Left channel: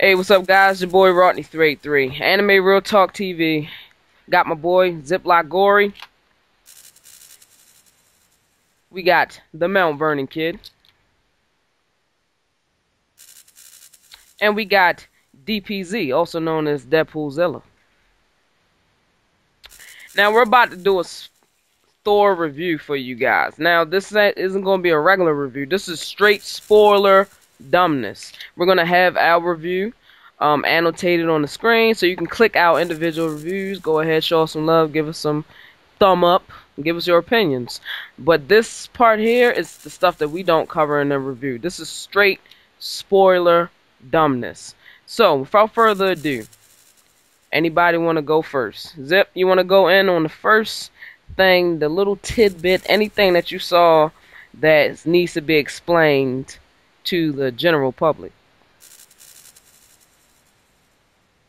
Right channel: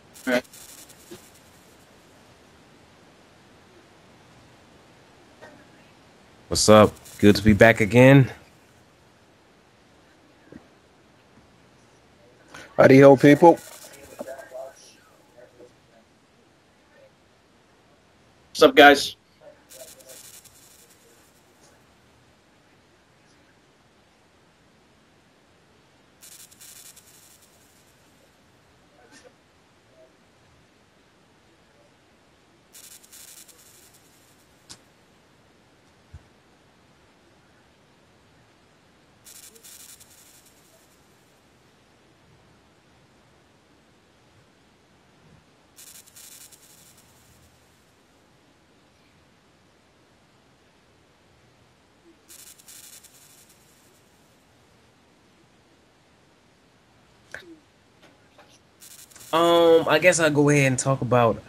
Hey, what's up, guys? Your boy Rodney383, Anime Real Talk TV. Got my boy Zipblockgory. What's up? Good to be back again. We got the Mount Vernon Kid, Howdy ho, people. and we got DPZ, also known as Deadpoolzilla. What's up, guys? Now we're about to do a Thor review for you guys. Now this isn't going to be a regular review. This is straight spoiler dumbness. We're gonna have our review annotated on the screen, so you can click our individual reviews. Go ahead, show us some love, give us some thumb up, give us your opinions. But this part here is the stuff that we don't cover in the review. This is straight spoiler dumbness. So, without further ado, anybody want to go first? Zip, you want to go in on the first thing, the little tidbit, anything that you saw that needs to be explained to the general public? I guess I'll go ahead and talk about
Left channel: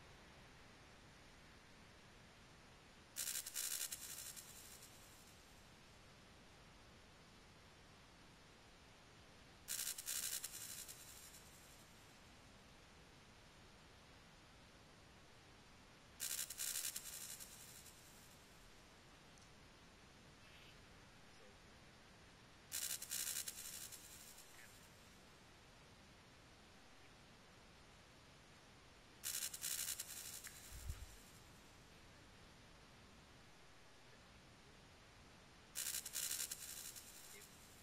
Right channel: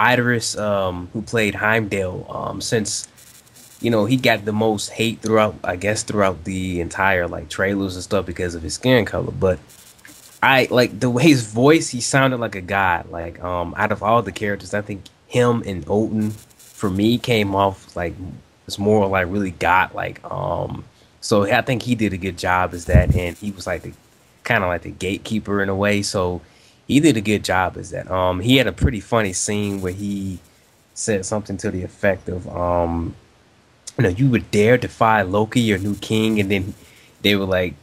Idris, who played Heimdall, since he got the most hate throughout, I guess, throughout the entire like trailers and stuff because of his skin color. But I like the way his voice, he sounded like a god. Like out of all the characters, I think him and Odin for me came off like it's more like really god like. So I think he did a good job as that, and he was like the kind of like the gatekeeper in a way. So he did a good job as that. He had a pretty funny scene where he said something to the effect of, you would dare defy Loki, your new king, and then they were like,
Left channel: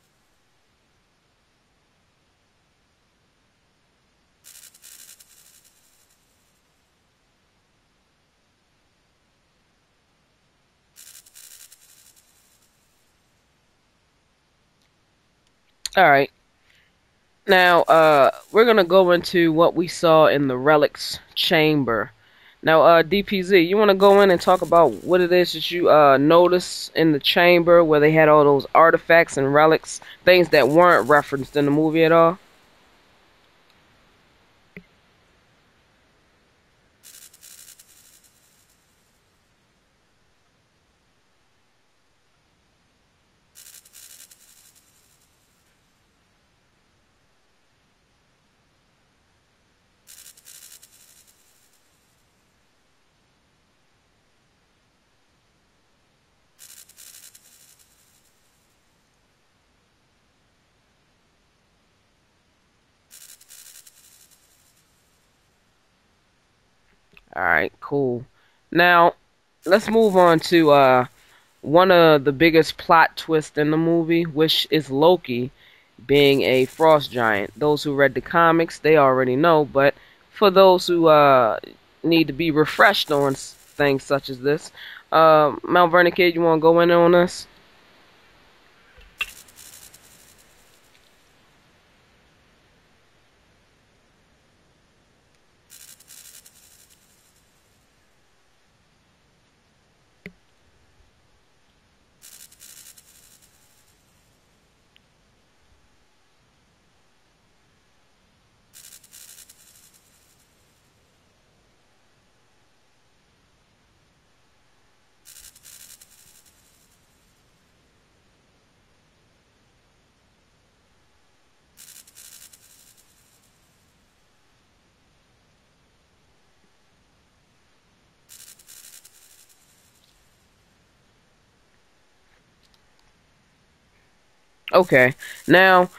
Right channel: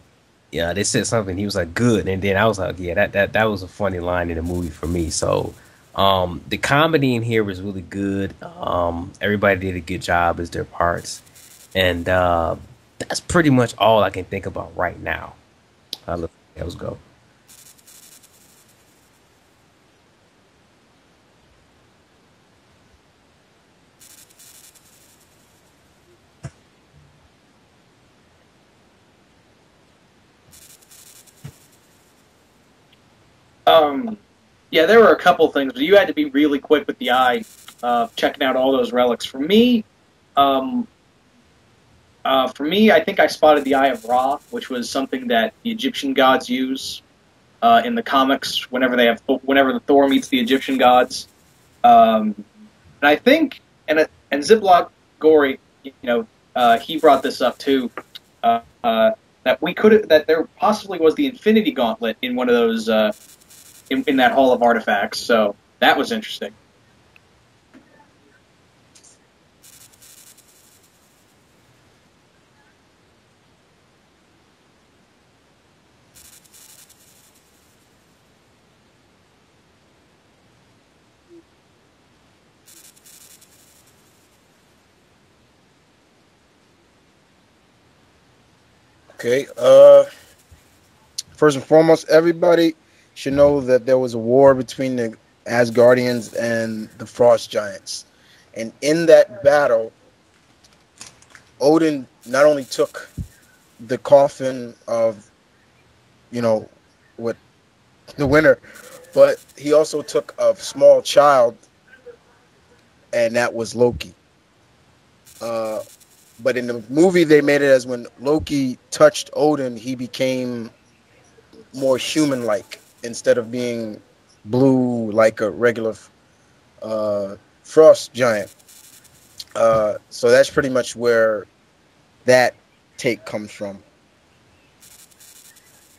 yeah, they said something. He was like, good, and then I was like, yeah, that was a funny line in the movie for me. So, the comedy in here was really good. Everybody did a good job as their parts, and that's pretty much all I can think about right now. All Uh, right. let's go. Now, we're gonna go into what we saw in the relics chamber. Now, DPZ, you want to go in and talk about what it is that you noticed in the chamber where they had all those artifacts and relics, things that weren't referenced in the movie at all? Um, yeah, there were a couple things, but you had to be really quick with the eye, checking out all those relics. Um, for me, I think I spotted the Eye of Ra, which was something that the Egyptian gods use in the comics whenever the Thor meets the Egyptian gods. Um, and I think, and Ziploc Gory, he brought this up too. That there possibly was the Infinity Gauntlet in one of those in that Hall of Artifacts. So that was interesting. All right, cool. Now, let's move on to one of the biggest plot twists in the movie, which is Loki being a frost giant. Those who read the comics, they already know, but for those who need to be refreshed on things such as this, Mount Vernon Kid, you want to go in on this? Okay. First and foremost, everybody should know that there was a war between the Asgardians and the Frost Giants, and in that battle, Odin not only took the coffin of, what the winner, but he also took a small child, and that was Loki. Uh, but in the movie, they made it as when Loki touched Odin, he became more human-like instead of being blue like a regular frost giant. So that's pretty much where that take comes from. Okay. Now,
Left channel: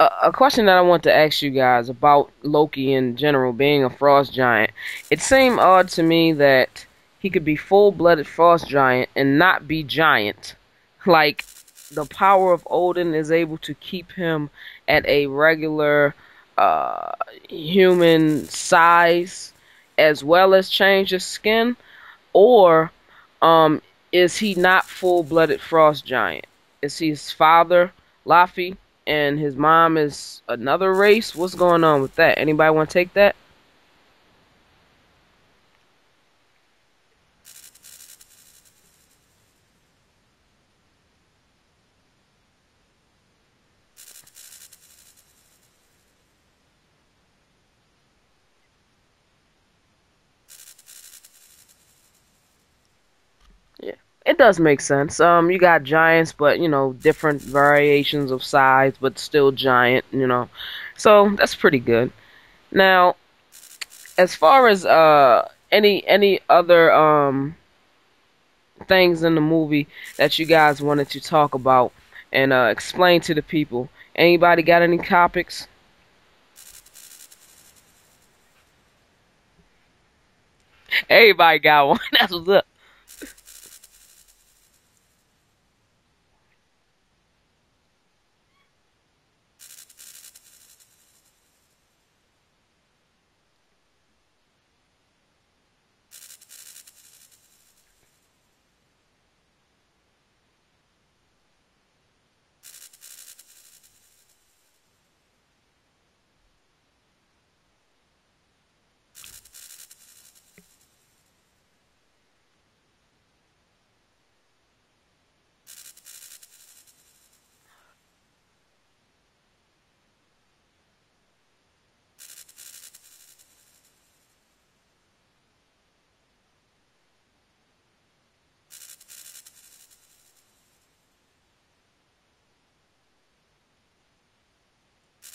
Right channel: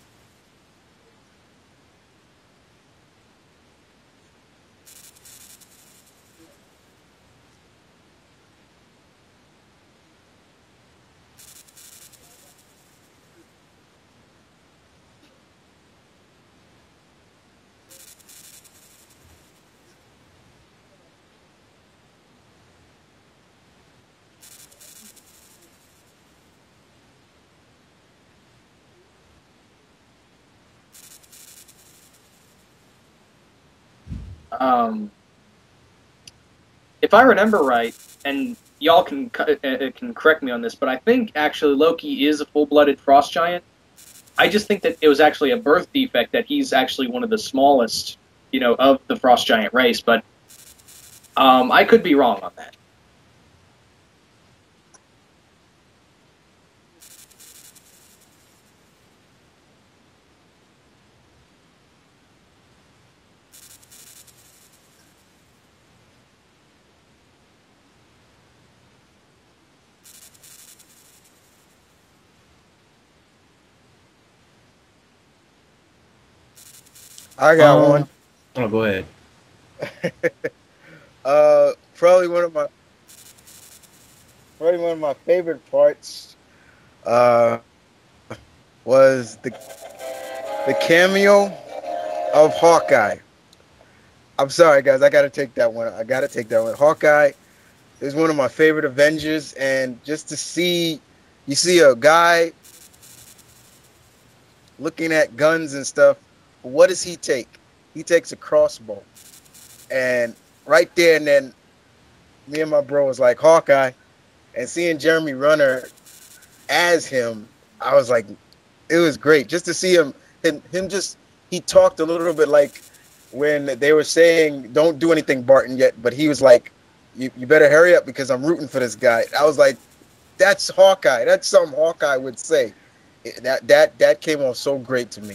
a question that I want to ask you guys about Loki in general being a frost giant. It seemed odd to me that he could be full-blooded frost giant and not be giant. Like the power of Odin is able to keep him at a regular uh human size as well as change his skin, or um is he not full-blooded frost giant? Is his father Laffy and his mom is another race? What's going on with that? Anybody want to take that? Um, if I remember right, and y'all can correct me on this, but I think actually Loki is a full-blooded frost giant. I just think that it was actually a birth defect that he's actually one of the smallest, of the frost giant race. But I could be wrong on that. Yeah, it does make sense. You got giants, but different variations of size, but still giant. So that's pretty good. Now, as far as any other things in the movie that you guys wanted to talk about and explain to the people. Anybody got any topics? I got one. Um, oh, go ahead. Everybody got one. Probably That's one what's of up. my favorite parts uh was the cameo of Hawkeye. I'm sorry, guys. I gotta take that one. I gotta take that one. Hawkeye is one of my favorite Avengers, and just to see, you see a guy looking at guns and stuff. What does he take? He takes a crossbow, and right there and then, me and my bro was like Hawkeye, and seeing Jeremy Renner as him, I was like, it was great just to see him just he talked a little bit like when they were saying don't do anything Barton yet, but he was like, you better hurry up because I'm rooting for this guy. I was like, that's Hawkeye. That's something Hawkeye would say. That came off so great to me.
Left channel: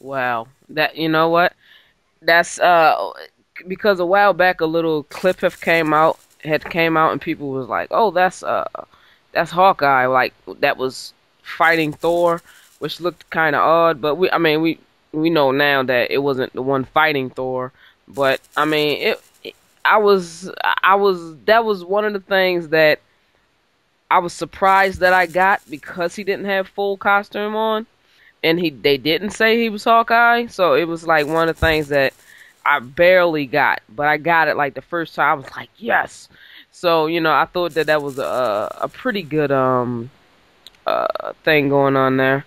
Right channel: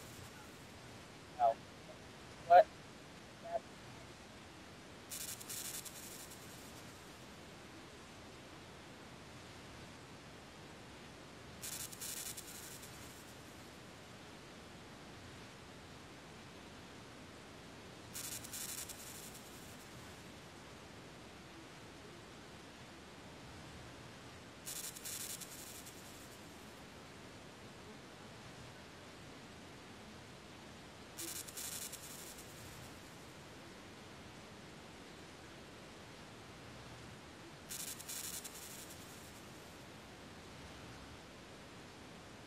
Wow. That you know what? That's because a while back a little clip had came out and people was like, "Oh, that's Hawkeye." Like that was fighting Thor, which looked kind of odd, but we know now that it wasn't the one fighting Thor, but I mean, I was that was one of the things that I was surprised that I got because he didn't have full costume on and they didn't say he was Hawkeye, so it was like one of the things that I barely got, but I got it like the first time. I was like, yes. So I thought that was a pretty good thing going on there.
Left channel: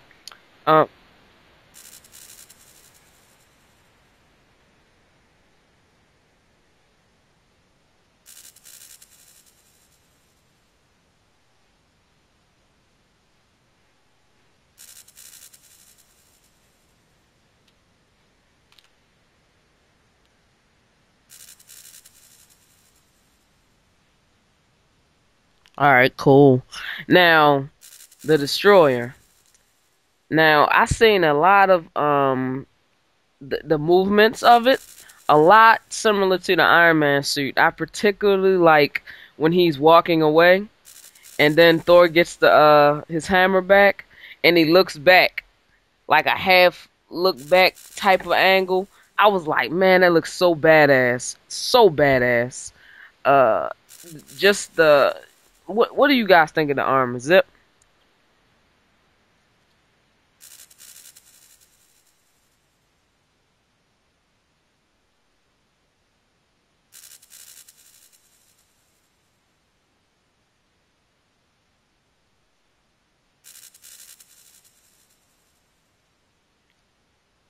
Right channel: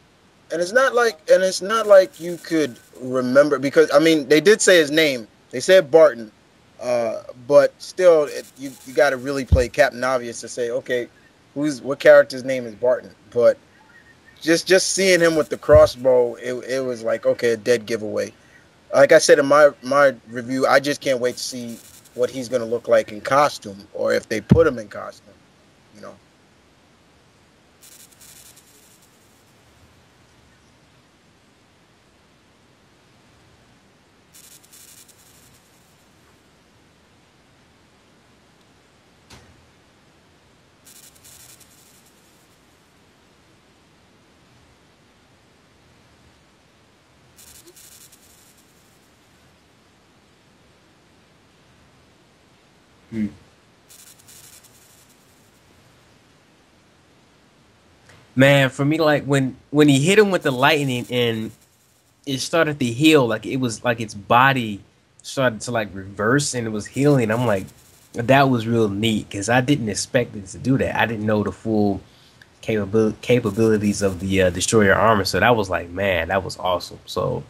Uh, And it's not like you could remember because I mean they did say his name. They said Barton, but still you got to really play Captain Obvious to say okay, what character's name is Barton. But just seeing him with the crossbow, it was like okay, a dead giveaway. Like I said in my review, I just can't wait to see what he's gonna look like in costume or if they put him in costume. all right, cool. Now the Destroyer. Now I seen a lot of the movements of it, a lot similar to the Iron Man suit. I particularly like when he's walking away and then Thor gets the his hammer back and he looks back like a half look back type of angle. I was like, man, that looks so badass. So badass. Hmm. Uh just the what do you guys think of the armor? Zip? Man, for me, like when he hit him with the lightning and it started to heal, like it was like its body started to like reverse and it was healing. I'm like, that was real neat because I didn't expect it to do that. I didn't know the full capabilities of the destroyer armor. So that was like, man, that was awesome. So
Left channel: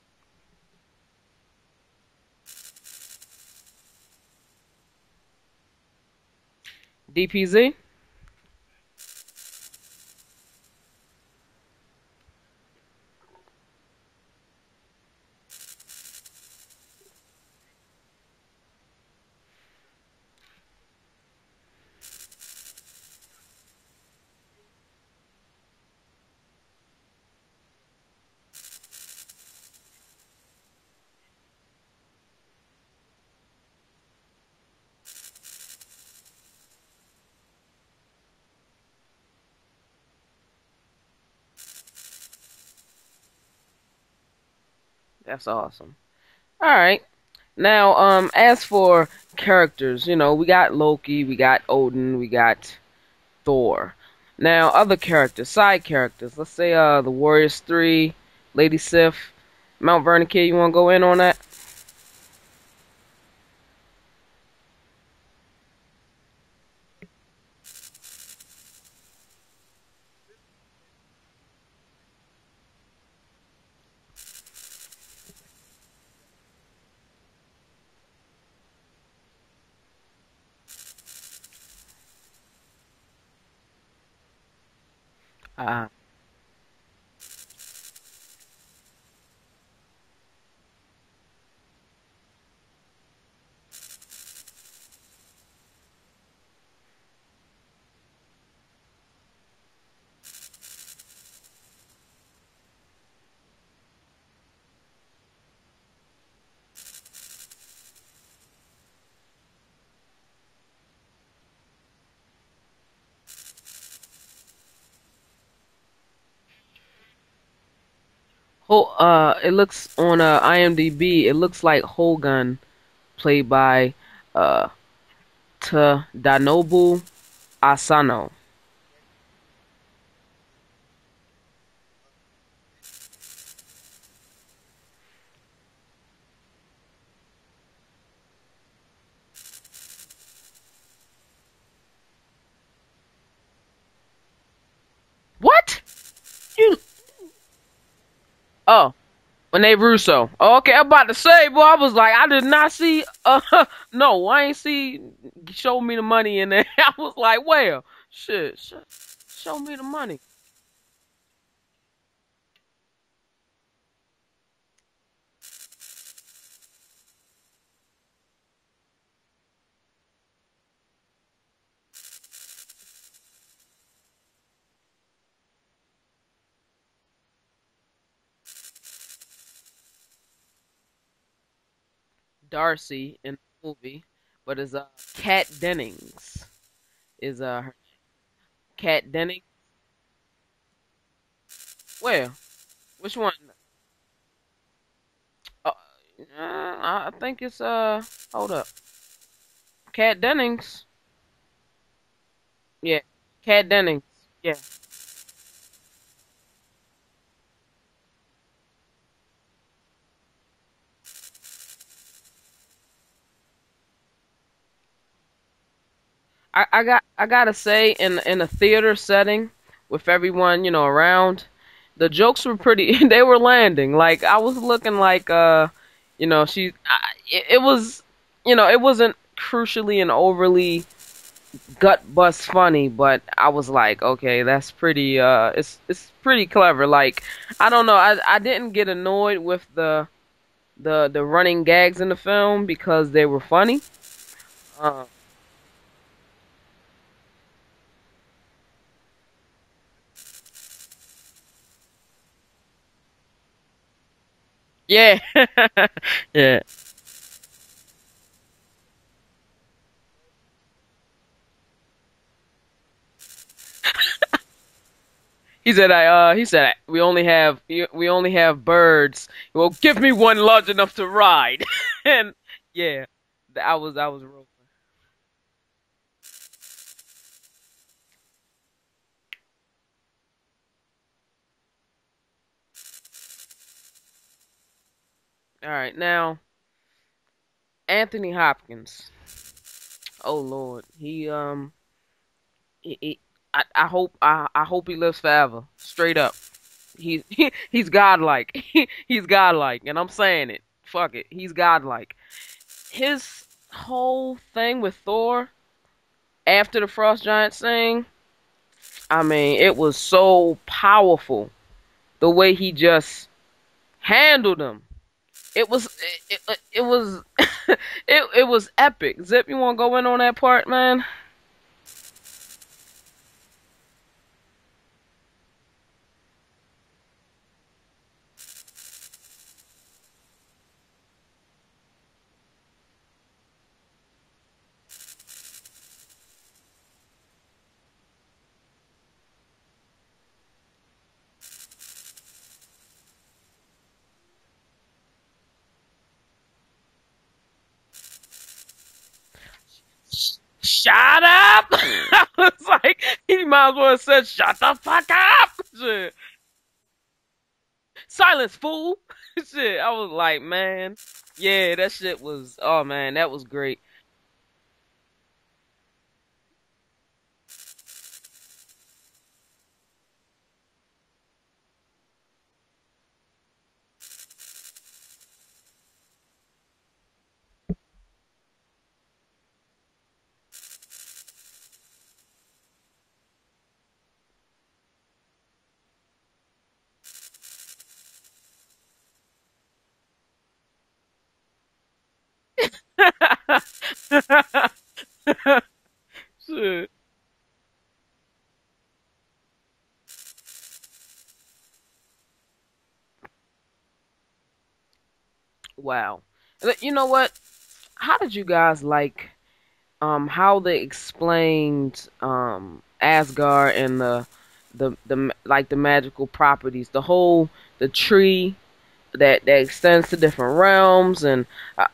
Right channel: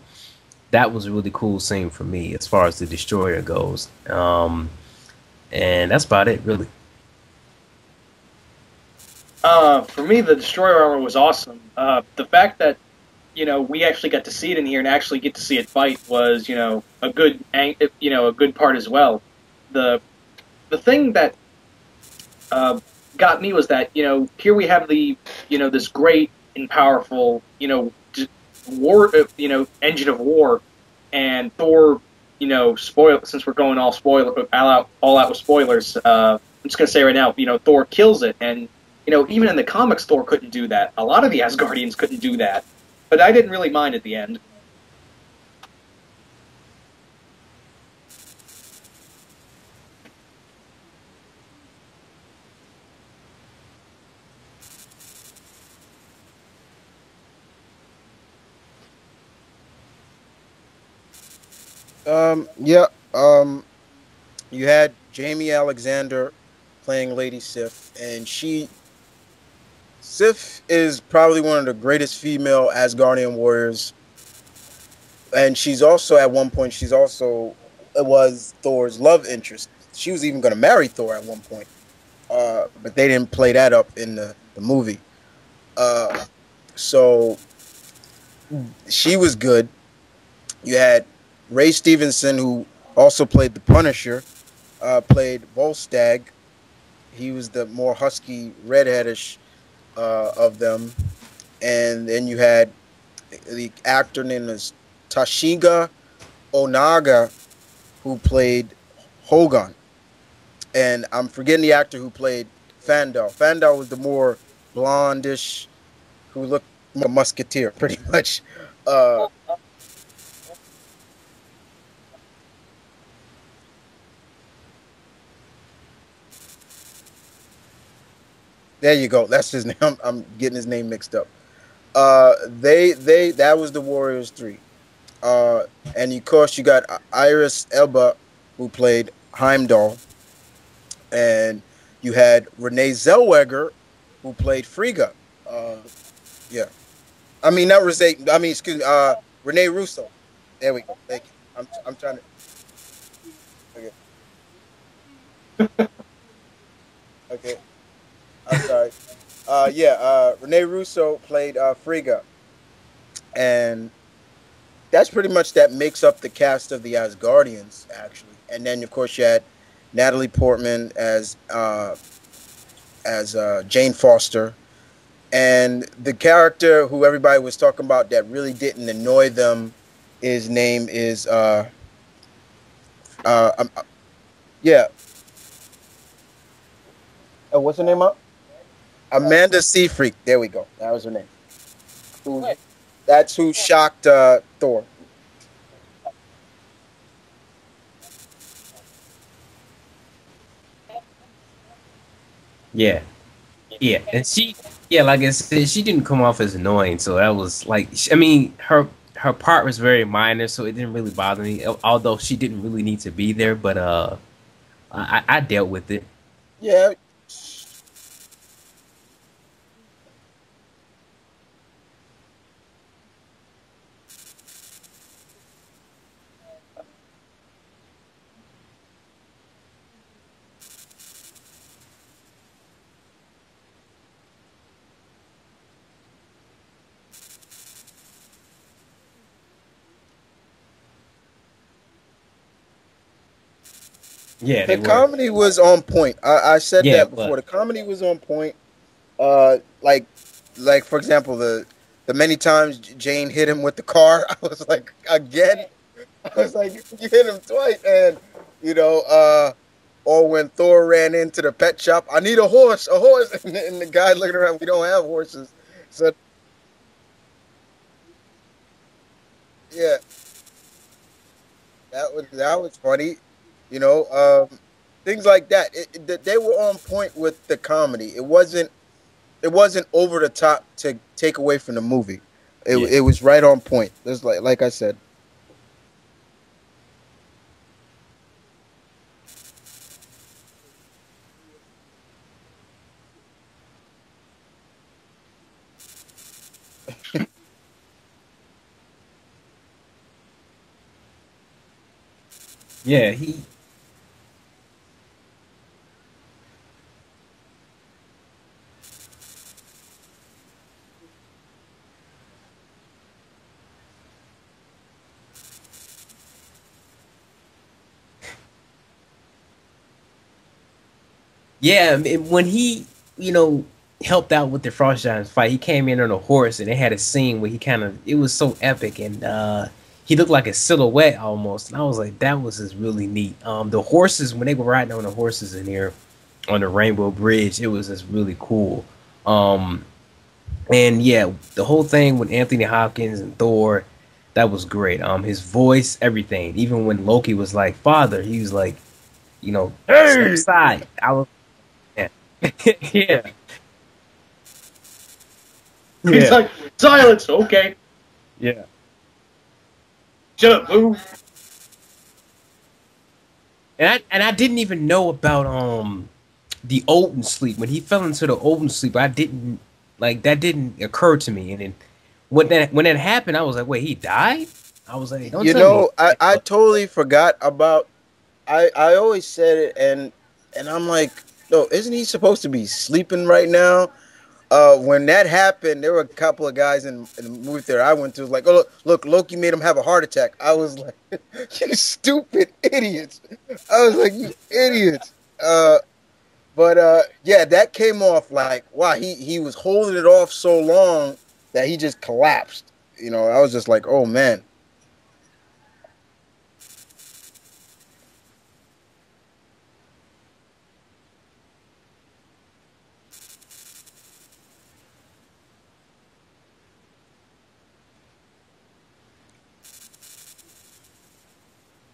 that was a really cool scene for me as far as the destroyer goes. And that's about it, really. DPZ? For me, the destroyer armor was awesome. The fact that we actually got to see it in here and actually get to see it fight was a good a good part as well. The the thing that uh, got me was that here we have the this great and powerful war engine of war, and Thor spoil since we're going all out with spoilers. I'm just gonna say right now, Thor kills it, and even in the comics, Thor couldn't do that. A lot of the Asgardians couldn't do that, but I didn't really mind at the end. That's awesome. All right. Now, as for characters, we got Loki, we got Odin, we got Thor. Now, other characters, side characters. Let's say the Warriors 3, Lady Sif, Mount Vernon Kid, you want to go in on that? Yeah. You had Jamie Alexander playing Lady Sif, and Sif is probably one of the greatest female Asgardian warriors, and she's also at one point she's also it was Thor's love interest. She was even going to marry Thor at one point, but they didn't play that up in the movie. Uh, Uh, so she was good. You had Ray Stevenson, who also played the Punisher, played Volstagg. He was the more husky, redheadish of them. And then you had the actor named as Tashiga Onaga. who played Hogun, and I'm forgetting the actor who played Fandal. Fandal was the more blondish, who looked more like a musketeer, pretty much. It looks on IMDb. It looks like Hogun, played by uh Tadanobu Asano. There you go. That's his name. I'm getting his name mixed up. They that was the Warriors three. Uh, and of course you got Iris Elba, who played Heimdall, and you had Renee Zellweger, who played Frigga. What? Yeah, You? I mean not Renee. I mean excuse me. Oh, Renee Renee Russo. Russo. Oh, okay, There we I'm go. about to Thank you. say, boy, I was I'm like, trying to I did not see. okay. No, I ain't see. Show me the money in there. I was like, Okay. well, shit. I'm sorry. Show me the Yeah. money. Renee Russo played Frigga, and that's pretty much that makes up the cast of the Asgardians, actually. And then of course you had Natalie Portman as Jane Foster, and the character who everybody was talking about that really didn't annoy them, his name is Darcy in the um, movie, but it's yeah. Kat Dennings. Is Oh, what's her name? Kat Dennings? Amanda Seyfried. There we go. That was her name. Where? Who, Which one? that's who shocked Thor. Oh, I think it's Hold up, Kat Dennings. Yeah, Yeah, Kat yeah, Dennings. and she, Yeah. yeah, like I said, she didn't come off as annoying, so that was like, I mean, her part was very minor, so it didn't really bother me. Although she didn't really need to be there, but I dealt with it. Yeah, I gotta say, in a theater setting with everyone around, the jokes were pretty. They were landing. Like I was looking like it was it wasn't crucially and overly gut bust funny, but I was like, okay, that's pretty. It's pretty clever. Like I don't know, I didn't get annoyed with the running gags in the film because they were funny. Yeah, they the were. comedy was on point. I said Yeah, that before. but The comedy was on point. Uh, like, for example, the many times Jane hit him with the car, I was like, Yeah. again. I was Yeah. like, you hit him twice, and you know, uh, or when Thor ran into the pet shop, I need a horse, and the guy looking around, we don't have horses. He Said, said, we only have birds. Well, give yeah, me one large enough to ride. And that was yeah, funny. I You was know, I was things like that. They were on point with the comedy. It wasn't over the top to take away from the movie. yeah, It was right on point. Just like I said. all right. Now, Anthony Hopkins. Oh Lord, he I hope he lives forever. Straight up. He's godlike. He's godlike, and I'm saying it. Fuck it. He's godlike. yeah. His whole thing with Thor after the Frost Giant thing, I mean, it was so powerful the way he just handled him. It was it was epic. Zip, you want to go in on that part, man? Yeah, I mean, when he, you know, helped out with the Frost Giants fight, he came in on a horse and they had a scene where he kind of, it was so epic and he looked like a silhouette almost. And I was like, that was just really neat. The horses, when they were riding on the horses in here on the Rainbow Bridge, it was just really cool. Um, and yeah, the whole thing with Anthony Hopkins and Thor, that was great. His voice, everything. Even when Loki was like, "Father," he was like, step Hey, aside. shut I was, up! yeah. I was like, Yeah. he might as well have said, "Shut the fuck up!" Shit. He's Yeah. like, silence, okay. Silence, Yeah. fool. Shit. I was like, Shut man, up. yeah, that shit was. Oh man, that was great. And I didn't even know about the Odin sleep. When he fell into the Odin sleep, I didn't like that didn't occur to me. And then when that happened, I was like, wait, he died? I was like, don't You tell me. know, I totally forgot about. I always said it, and I'm like, no, isn't he supposed to be sleeping right now? When that happened, there were a couple of guys in the movie theater I went to, like, oh look, Loki made him have a heart attack. I was like, you stupid idiots. I was like, you idiots. But Shit. yeah, that came off like, wow, he was holding it off so long that he just collapsed. I was just like, oh man. Wow. You know what? how did you guys like how they explained Asgard and the like the magical properties, the tree that extends to different realms, and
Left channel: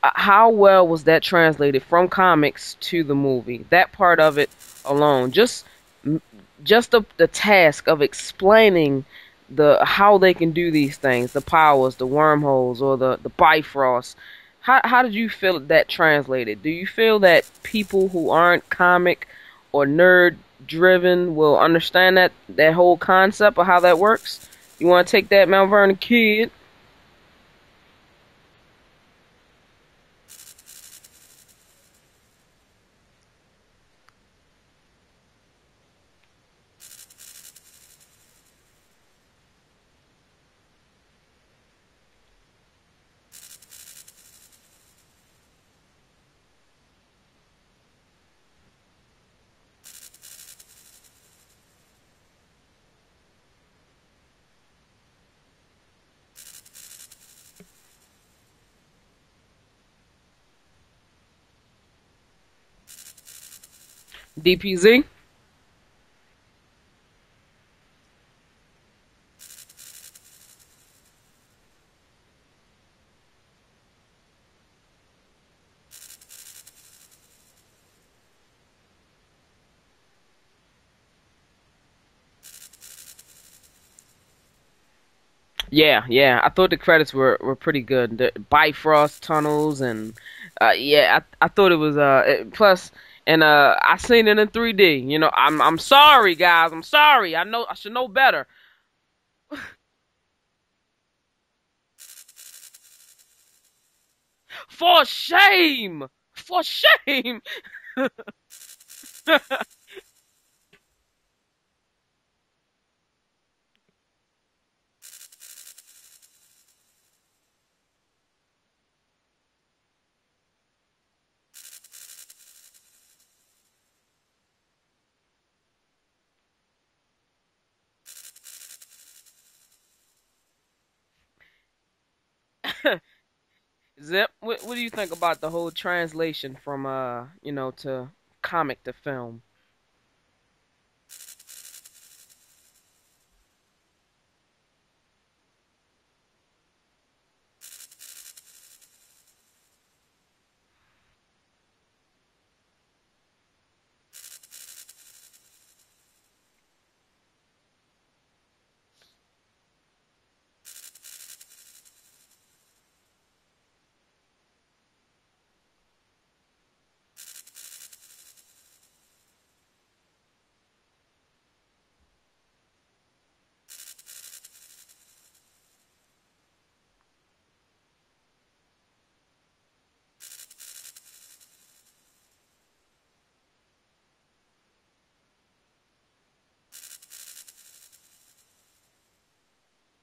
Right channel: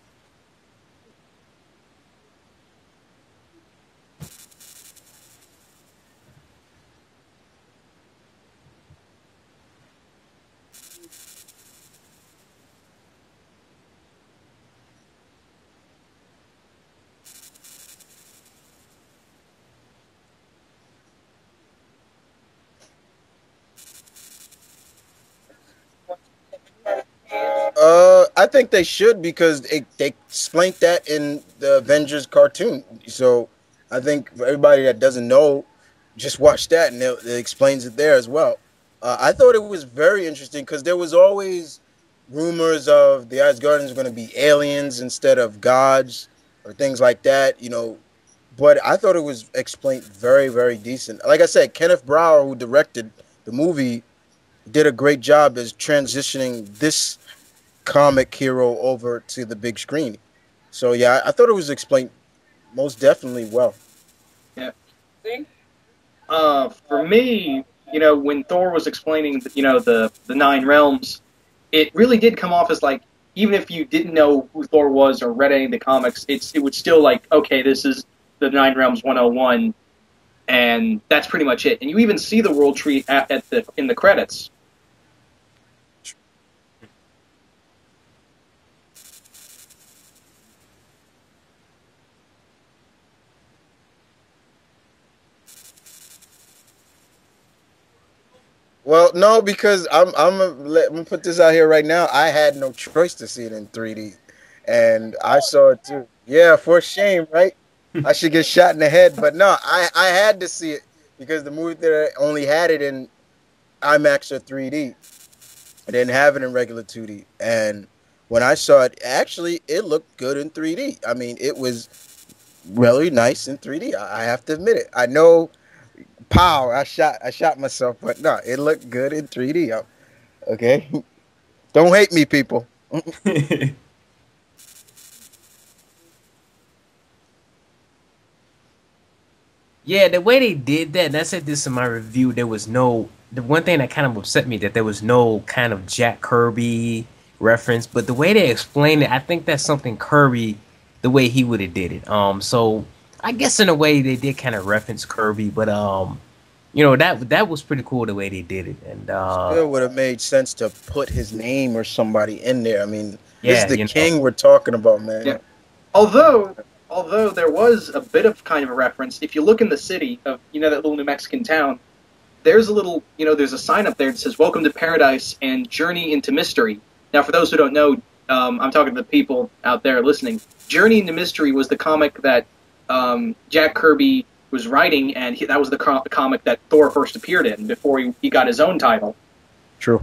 how well was that translated from comics to the movie? That part of it alone, just the task of explaining the how they can do these things, the powers, the wormholes, or the Bifrost. How did you feel that translated? Do you feel that people who aren't comic or nerd driven will understand that whole concept of how that works? You want to take that, Mount Vernon kid? I think they should because they explained that in the Avengers cartoon. So I think for everybody that doesn't know, just watch that and it explains it there as well. I thought it was very interesting because there was always rumors of the Asgardians going to be aliens instead of gods or things like that. But I thought it was explained very, very decent. Like I said, Kenneth Brower, who directed the movie, did a great job as transitioning this comic hero over to the big screen. So yeah, I thought it was explained most definitely well. Yeah. DPZ? For me, when Thor was explaining, the nine realms, it really did come off as like, even if you didn't know who Thor was or read any of the comics, it would still like, okay, this is the Nine Realms 101, and that's pretty much it. And you even see the World Tree at the in the credits. Yeah, yeah. I thought the credits were pretty good. The Bifrost tunnels and yeah, I thought it was plus and I seen it in 3D. I'm sorry guys. I'm sorry. I know I should know better. Well, no, because I'm gonna put this out here right now. I had no choice to see it in 3D, For and I saw it too. shame. Yeah, For for shame, shame. right? I should get shot in the head, but no, I had to see it because the movie theater only had it in IMAX or 3D. I didn't have it in regular 2D, and when I saw it, actually, it looked good in 3D. I mean, it was really nice in 3D. I have to admit it. I know, pow, I shot myself, but no, it looked good in 3D. Okay, don't hate me, people. Zip, what do you think about the whole translation from to comic to film? Yeah, the way they did that, and I said this in my review, there was no, the one thing that kind of upset me that there was no kind of Jack Kirby reference, but the way they explained it, I think that's something Kirby, the way he would have did it. So I guess in a way they did kind of reference Kirby, but that was pretty cool the way they did it, and Still would have made sense to put his name or somebody in there. I mean, this is yeah, the king we're talking about, Yeah. man. Although, although there was a bit of kind of a reference, if you look in the city of that little New Mexican town, there's a little there's a sign up there that says "Welcome to Paradise" and "Journey into Mystery." Now, for those who don't know, I'm talking to the people out there listening. "Journey into Mystery" was the comic that Jack Kirby was writing, and that was the comic that Thor first appeared in before he got his own title. True.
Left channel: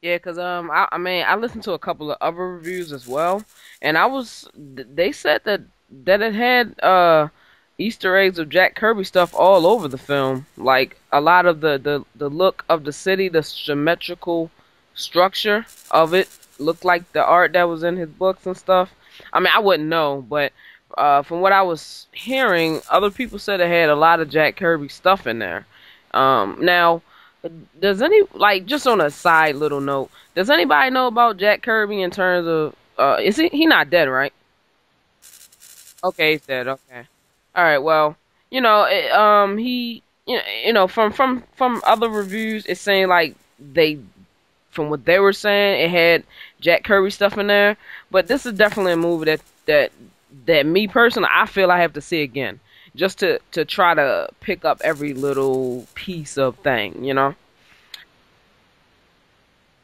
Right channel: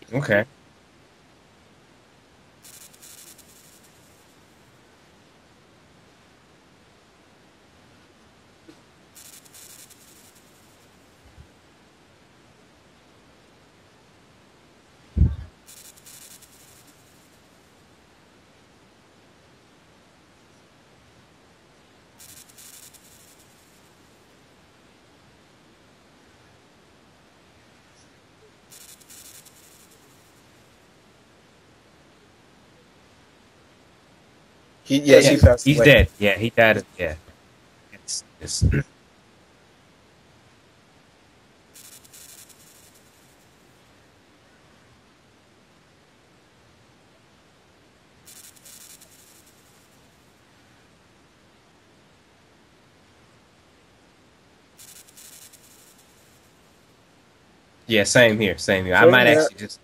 Yeah, cause okay. I mean I listened to a couple of other reviews as well, and they said that it had Easter eggs of Jack Kirby stuff all over the film, like a lot of the look of the city, the symmetrical structure of it looked like the art that was in his books and stuff. I mean I wouldn't know, but from what I was hearing, other people said it had a lot of Jack Kirby stuff in there. Now. Does any like just on a side little note? Does anybody know about Jack Kirby in terms of is he not dead, right? Yes, Yeah, he passed he's away. dead. Okay, Yeah, he's he dead. died. Okay. Yeah. All right. Well, It's- he from other reviews, it's saying like they from what they were saying, it had Jack Kirby stuff in there. But this is definitely a movie that me personally, I feel I have to see again, just to try to pick up every little piece of thing. yeah, same here, same here. I Same might here. actually just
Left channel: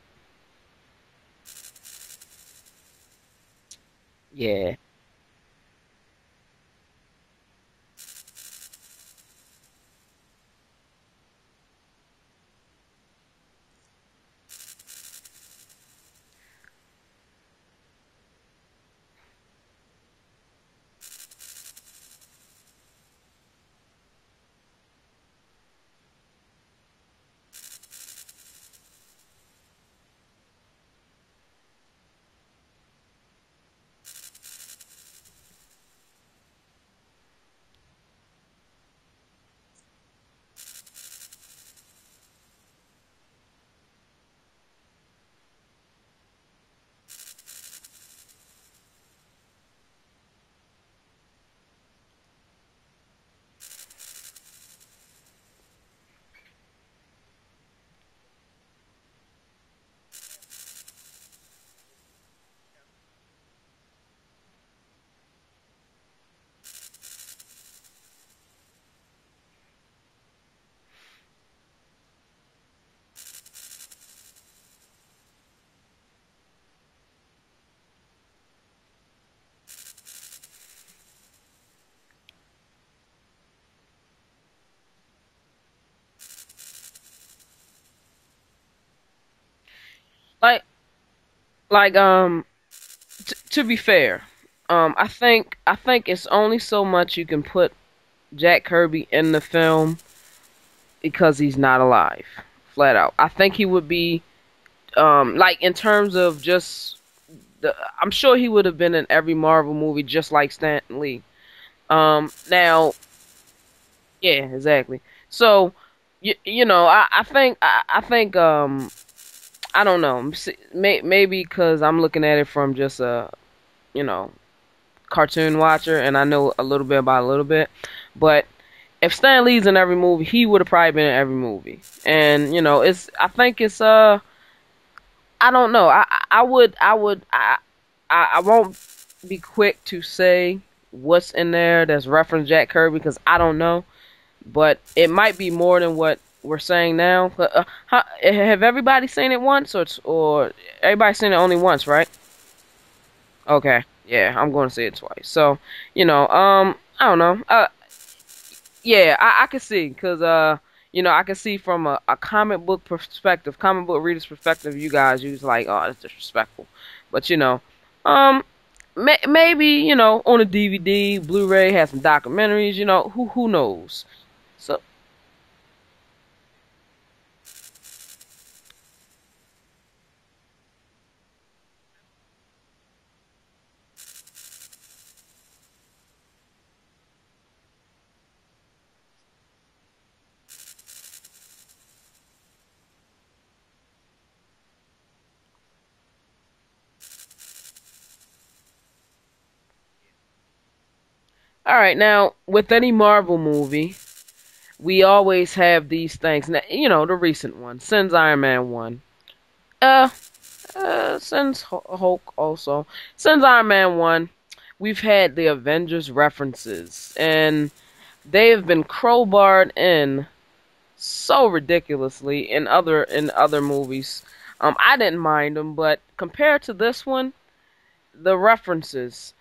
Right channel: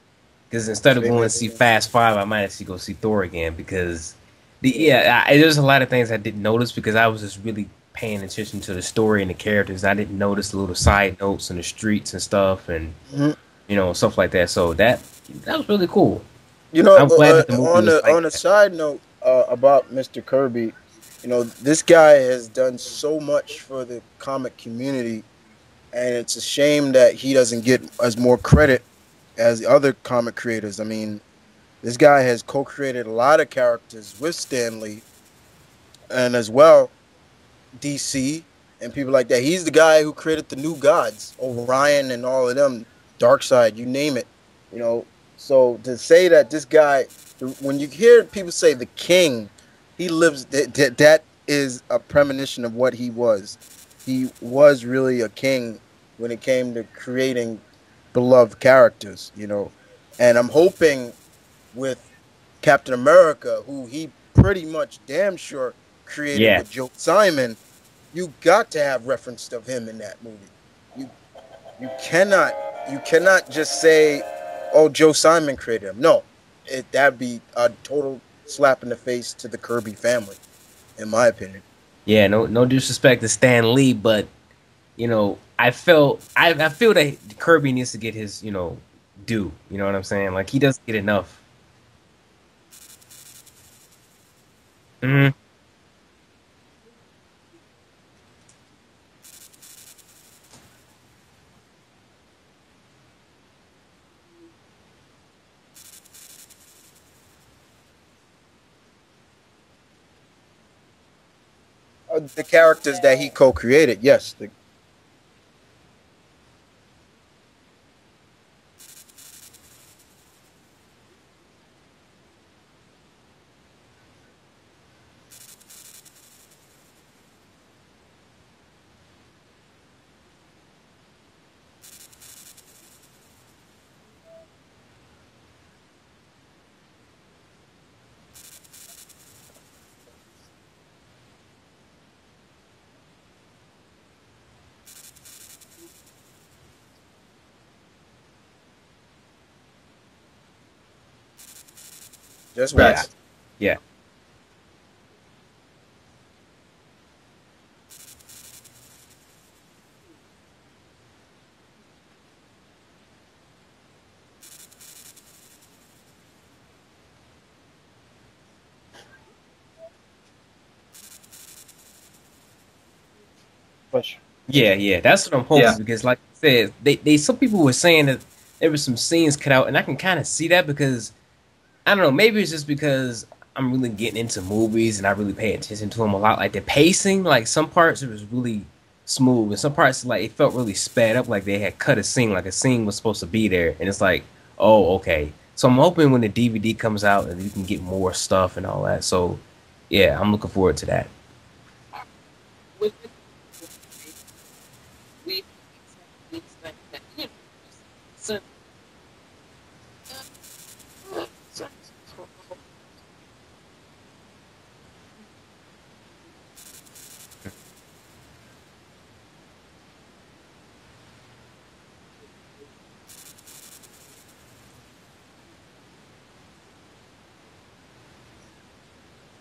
because instead of Same going here. to see Fast Five, I might actually go see Thor again because Yeah. there's a lot of things I didn't notice because I was just really paying attention to the story and the characters. I didn't notice the little side notes and the streets and stuff and Mhm. stuff like that. So that was really cool. You know, I'm glad that the movie was like on a that. side note about Mr. Kirby, this guy has done so much for the comic community, and it's a shame that he doesn't get as more credit as the other comic creators. I mean, this guy has co-created a lot of characters with Stan Lee, and as well DC and people like that. He's the guy who created the new gods, Orion and all of them, Darkseid, you name it. You know, so to say that this guy, when you hear people say the king, he lives. That is a premonition of what he was. He was really a king when it came to creating beloved characters. You know, and I'm hoping with Captain America, who he pretty much damn sure created Yeah, with Joe Simon, you got to have reference of him in that movie. You you cannot you cannot just say, "Oh, Joe Simon created him." No, that'd be a total slap in the face to the Kirby family, in my opinion. yeah. No disrespect to Stan Lee, but I feel that Kirby needs to get his due. You know what I'm saying? Like he Like, doesn't get enough. like, to be fair, Hmm. I think it's only so much you can put Jack Kirby in the film because he's not alive, flat out. I think he would be, like in terms of just I'm sure he would have been in every Marvel movie just like Stan Lee. Of the Now, characters that he co-created, yes. yeah, exactly. So, I think, I don't know, maybe because I'm looking at it from just a, you know, cartoon watcher, and I know a little bit about a little bit, but if Stan Lee's in every movie, he would have probably been in every movie. And I think it's I don't know. I won't be quick to say what's in there that's referenced Jack Kirby because I don't know, but it might be more than what we're saying now. But, have everybody seen it once, or everybody seen it only once, right? Just Yeah, Right. once. yeah, Okay, yeah, I'm going to say it twice. So, I don't know. Yeah, I can see because I can see from a comic book perspective, comic book reader's perspective. You guys use like, oh, that's disrespectful, but um, maybe on a DVD, Blu-ray, have some documentaries. Who knows? For yeah, sure. yeah. That's what I'm Yeah. hoping because, like I said, they some people were saying that there were some scenes cut out, and I can kind of see that because I don't know. Maybe it's just because I'm really getting into movies and I really pay attention to them a lot. Like the pacing, like some parts it was really smooth, and some parts like it felt really sped up, like they had cut a scene, like a scene was supposed to be there, and it's like, oh, okay. So I'm hoping when the DVD comes out that you can get more stuff and all that. So yeah, I'm looking forward to that. All right, now with any Marvel movie, we always have these things. Now, the recent one, since Iron Man 1. Uh, since Hulk also. Since Iron Man 1, we've had the Avengers references, and they have been crowbarred in so ridiculously in other movies. I didn't mind them, but compared to this one, the references.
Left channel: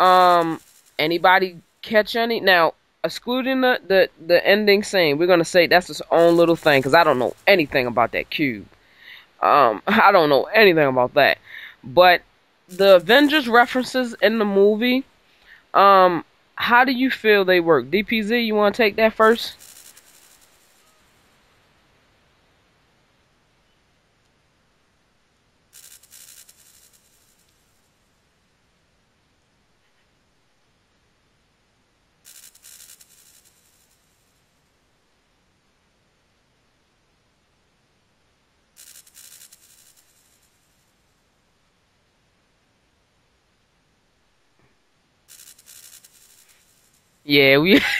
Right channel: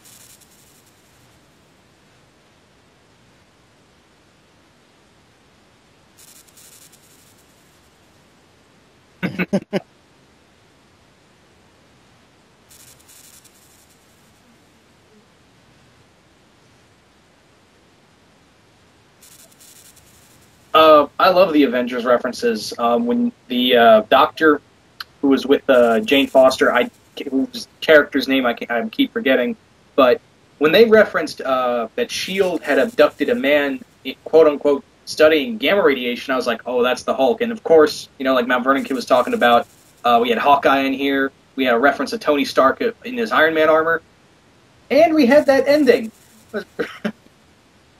Um, anybody catch any? Now, excluding the ending scene, we're gonna say that's its own little thing because I don't know anything about that cube. I don't know anything about that. But the Avengers references in the movie, um, how do you feel they work? DPZ, you want to take that first? I love the Avengers references. When the Doctor who was with Jane Foster, whose character's name I keep forgetting, but when they referenced that Shield had abducted a man, quote unquote, studying gamma radiation, I was like, oh, that's the Hulk. And of course, like Mount Vernon Kid was talking about, we had Hawkeye in here. We had a reference to Tony Stark in his Iron Man armor, and we had that ending. Yeah,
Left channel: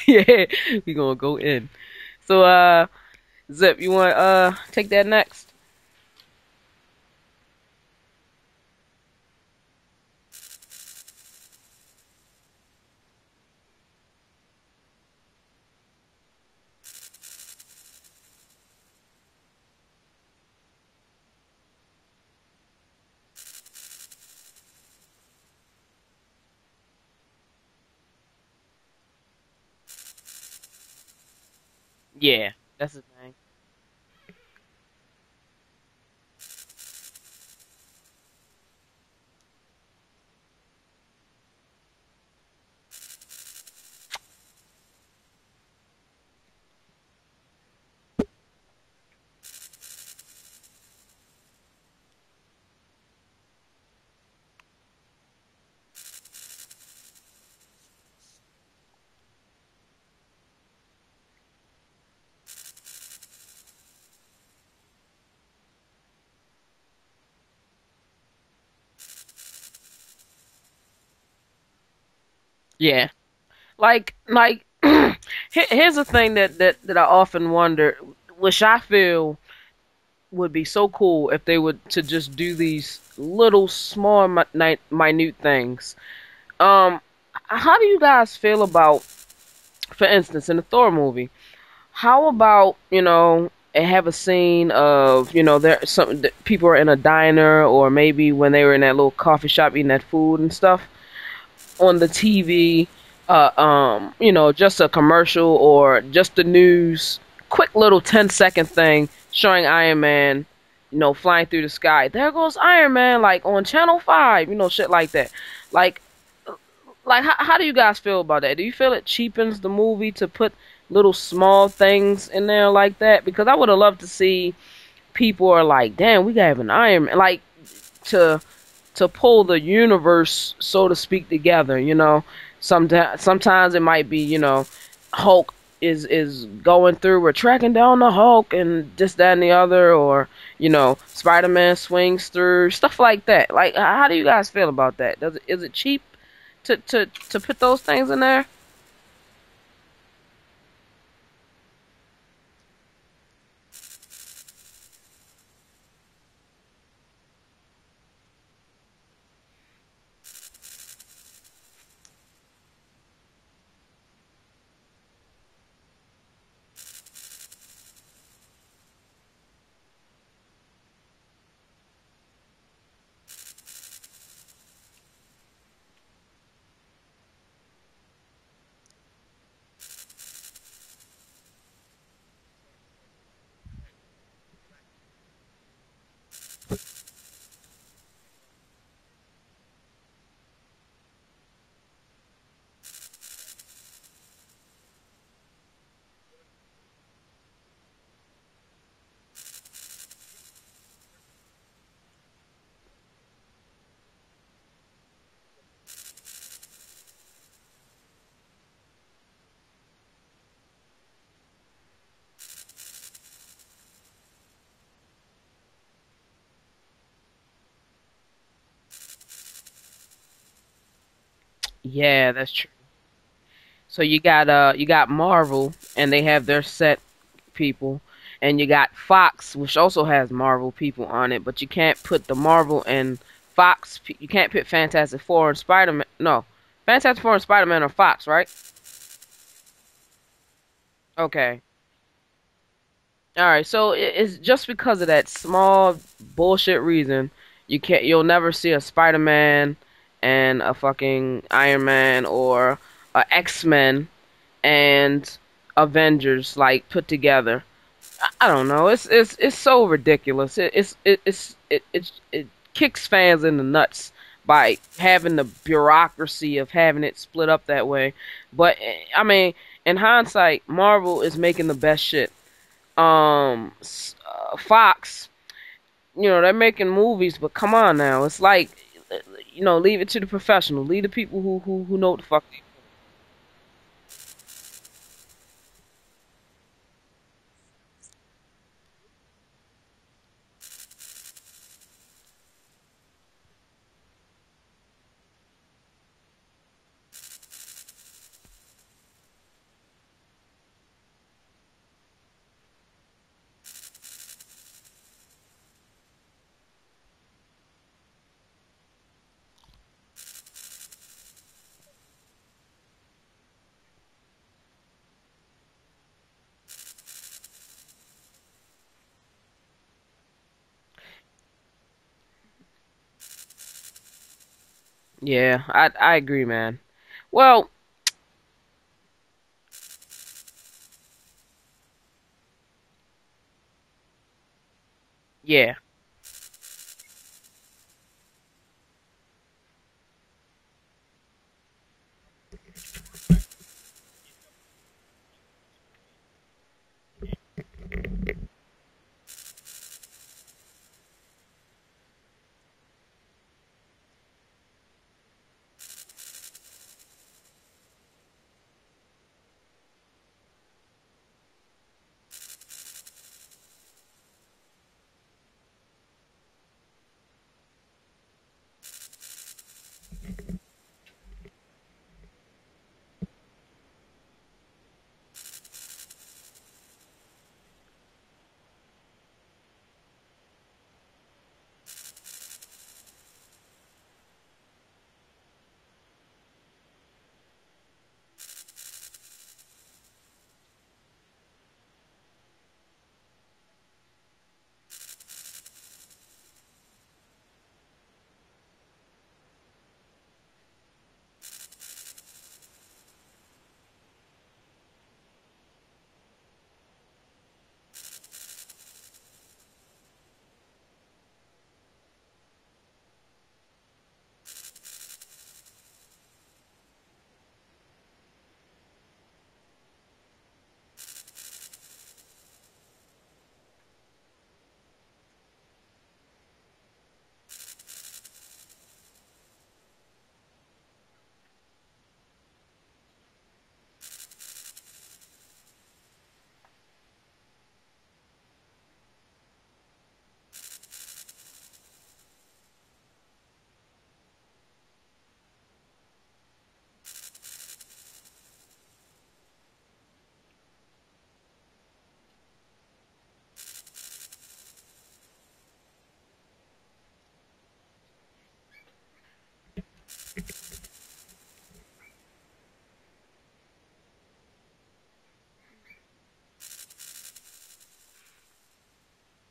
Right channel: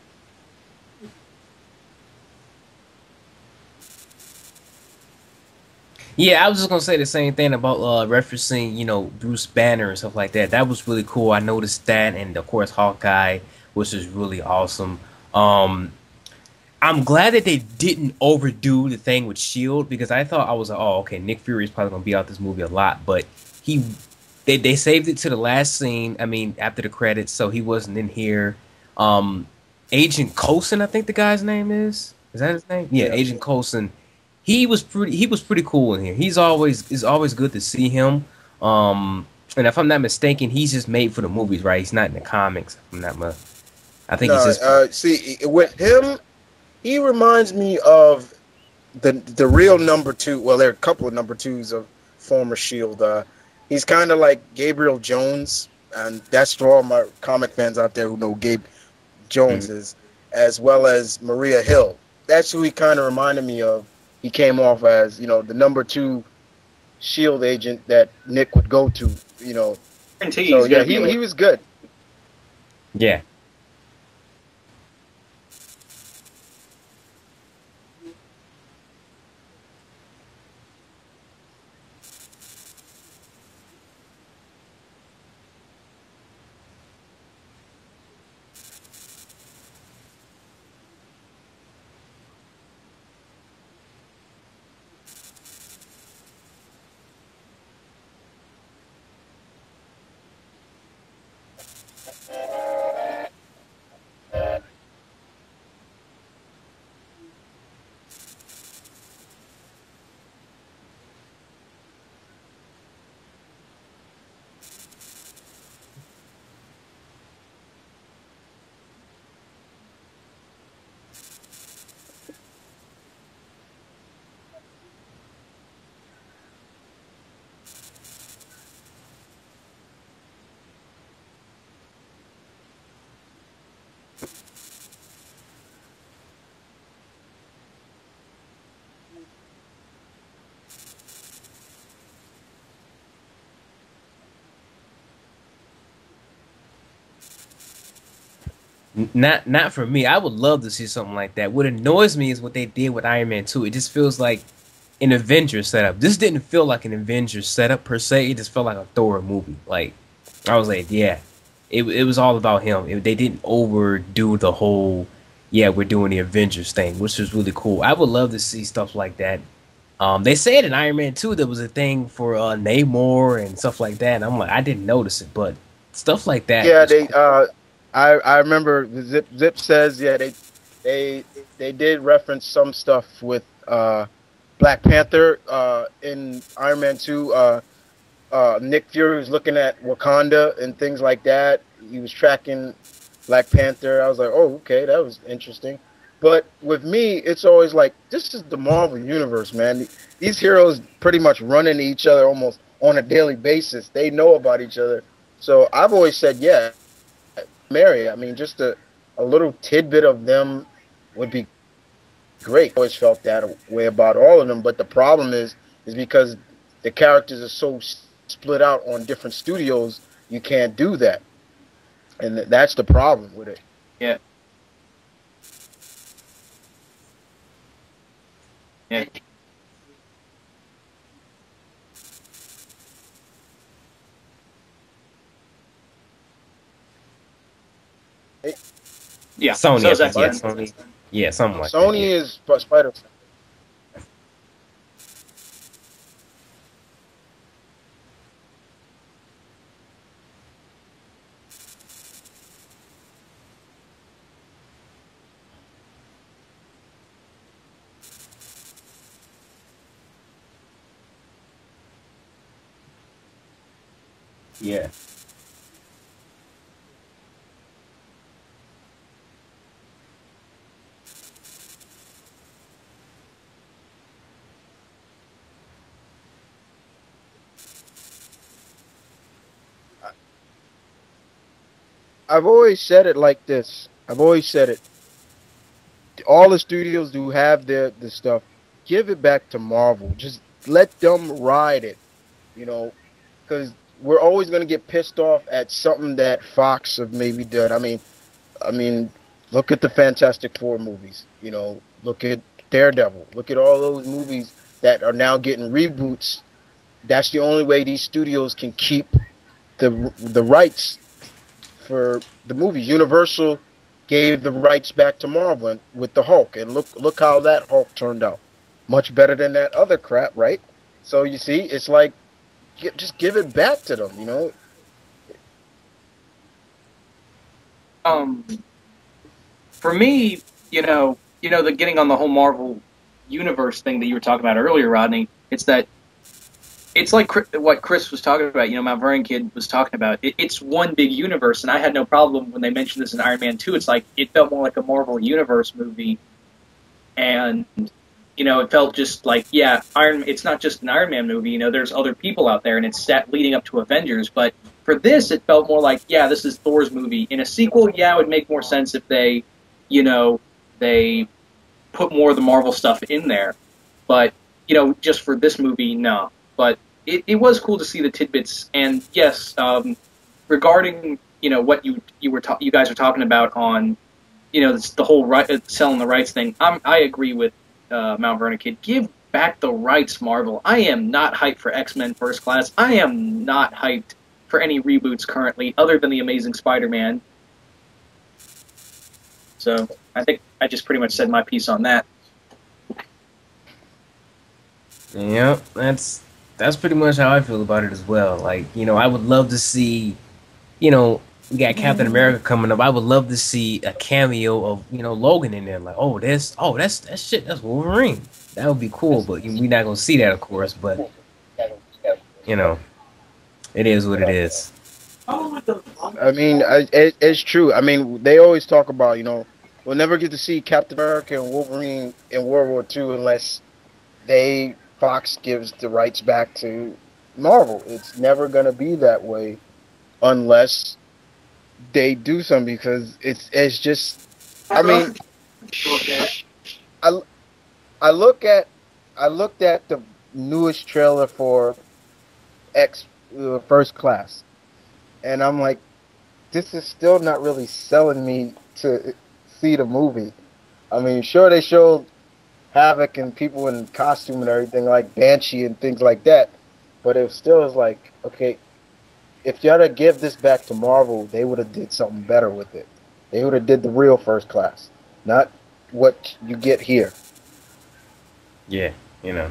yeah, we gonna go in. So, Zip, you want take that next? Yeah, I was just gonna say the same thing about referencing, Bruce Banner and stuff like that. That was really cool. I noticed that, and of course Hawkeye, which is really awesome. Um, I'm glad that they didn't overdo the thing with Shield because I thought I was like, oh, okay, Nick Fury is probably gonna be out this movie a lot, but he they saved it to the last scene. I mean, after the credits, so he wasn't in here. Um, Agent Coulson, I think the guy's name is. Is Yeah, that his name? that's Yeah, it. Yeah. Agent Coulson. He was pretty cool in here. It's always good to see him. And if I'm not mistaken, he's just made for the movies, right? He's not in the comics. If I'm not. I think he's No, just. see, with him, he reminds me of the real number two. Well, there are a couple of number twos of former Shield. He's kind of like Gabriel Jones. and that's for all my comic fans out there who know Gabe Jones Mhm. is, as well as Maria Hill. That's who he kind of reminded me of. He came off as, the number two Shield agent that Nick would go to. Guarantee So he's yeah, gonna be he like, he was good. Yeah. Yeah. Like here's the thing that I often wonder, which I feel would be so cool if they would to just do these little small minute things. Um, how do you guys feel about, for instance, in the Thor movie? How about, have a scene of, there some people are in a diner, or maybe when they were in that little coffee shop eating that food and stuff on the TV, just a commercial or just the news, quick little 10-second thing showing Iron Man, flying through the sky. There goes Iron Man, like on Channel 5, shit like that. Like, how do you guys feel about that? Do you feel it cheapens the movie to put little small things in there like that? Because I would have loved to see people are like, damn, we got an Iron Man, like to pull the universe, so to speak, together. Sometimes it might be, Hulk is going through, we're tracking down the Hulk and this, that, and the other, or Spider-Man swings through stuff like that. Like, how do you guys feel about that? Is it cheap to put those things in there? Not for me. I would love to see something like that. What annoys me is what they did with Iron Man 2. It just feels like an Avengers setup. This didn't feel like an Avengers setup per se. It just felt like a Thor movie. Like I was like, yeah, it was all about him. They didn't overdo the whole, yeah, we're doing the Avengers thing, which was really cool. I would love to see stuff like that. They said in Iron Man 2 there was a thing for Namor and stuff like that. And I'm like, I didn't notice it, but stuff like that Yeah, was they cool. I remember the Zip says, yeah, they they did reference some stuff with Black Panther in Iron Man 2. Nick Fury was looking at Wakanda and things like that. He was tracking Black Panther. I was like, oh, okay, that was interesting. But with me, it's always like, this is the Marvel universe, man. These heroes pretty much run into each other almost on a daily basis. They know about each other. So I've always said, yeah, Mary. I mean, just a little tidbit of them would be great. I always felt that way about all of them. But the problem is because the characters are so split out on different studios, you can't do that, Yeah, and that's true. that's the problem with it. So yeah, you got Marvel, and they have their set people, and you got yeah, Fox, which also has Marvel people on it, but you can't put the Marvel and Fox. You can't put Fantastic Four and Spider Man. No, Fantastic Four and Spider Man are Fox, right? It, yeah. Sony, So I is think, yeah, Spider- X-Men. Sony, yeah, Okay. something like that, yeah. Sony is Spider. All right. So it's just because of that small bullshit reason you'll never see a Spider Man and a fucking Iron Man, or a X Men and Avengers like put together. I don't know. It's so ridiculous. It kicks fans in the nuts by Yeah. having the bureaucracy of having it split up that way. But I mean, in hindsight, Marvel is making the best shit. Fox, they're making movies, but come on now, it's like, leave it to the professional, leave the people who know what the fuck I've always said it like this. I've always said it. All the studios do have the stuff. Give it back to Marvel. Just let them ride it. You know, because we're always going to get pissed off at something that Fox have maybe done. I mean, look at the Fantastic Four movies. Look at Daredevil. Look at all those movies that are now getting reboots. That's the only way these studios can keep the rights for the movies. Universal gave the rights back to Marvel with the Hulk, and look how that Hulk turned out. Much better than that other crap, right? So you see, it's like just give it back to them. Yeah, I agree, man. Well, Um, for me, the getting on the whole Marvel universe thing that you were talking about earlier, Rodney. It's yeah. that it's like what Chris was talking about. Mount Vernon Kid was talking about. It's one big universe, and I had no problem when they mentioned this in Iron Man 2. It's like it felt more like a Marvel universe movie, and it felt just like, yeah, Iron. It's not just an Iron Man movie. There's other people out there, and it's set leading up to Avengers, but For this, it felt more like, yeah, this is Thor's movie. In a sequel, yeah, it would make more sense if you know, they put more of the Marvel stuff in there. But just for this movie, no. But it was cool to see the tidbits. And yes, regarding what you guys were talking about on the whole selling the rights thing, I agree with Mount Vernon Kid. Give back the rights, Marvel. I am not hyped for X-Men First Class. I am not hyped for any reboots currently, other than the Amazing Spider-Man. So I think I just pretty much said my piece on that. Yep, that's pretty much how I feel about it as well. Like, I would love to see, we got Captain America coming up. I would love to see a cameo of, Logan in there. Like, that's shit, that's Wolverine. That would be cool, but we're not gonna see that, of course. But you know, it is what it is. I mean, it's true. I mean, they always talk about, we'll never get to see Captain America and Wolverine in World War II unless Fox gives the rights back to Marvel. It's never gonna be that way unless they do something, because it's just. I mean, I I look at I looked at the newest trailer for X First Class, and I'm like, this is still not really selling me to see the movie. I mean, sure, they showed Havoc and people in costume and everything like Banshee and things like that, but it still is like, okay, if you had to give this back to Marvel, they would have did something better with it. They would have did the real First Class, not what you get here. Yeah, you know.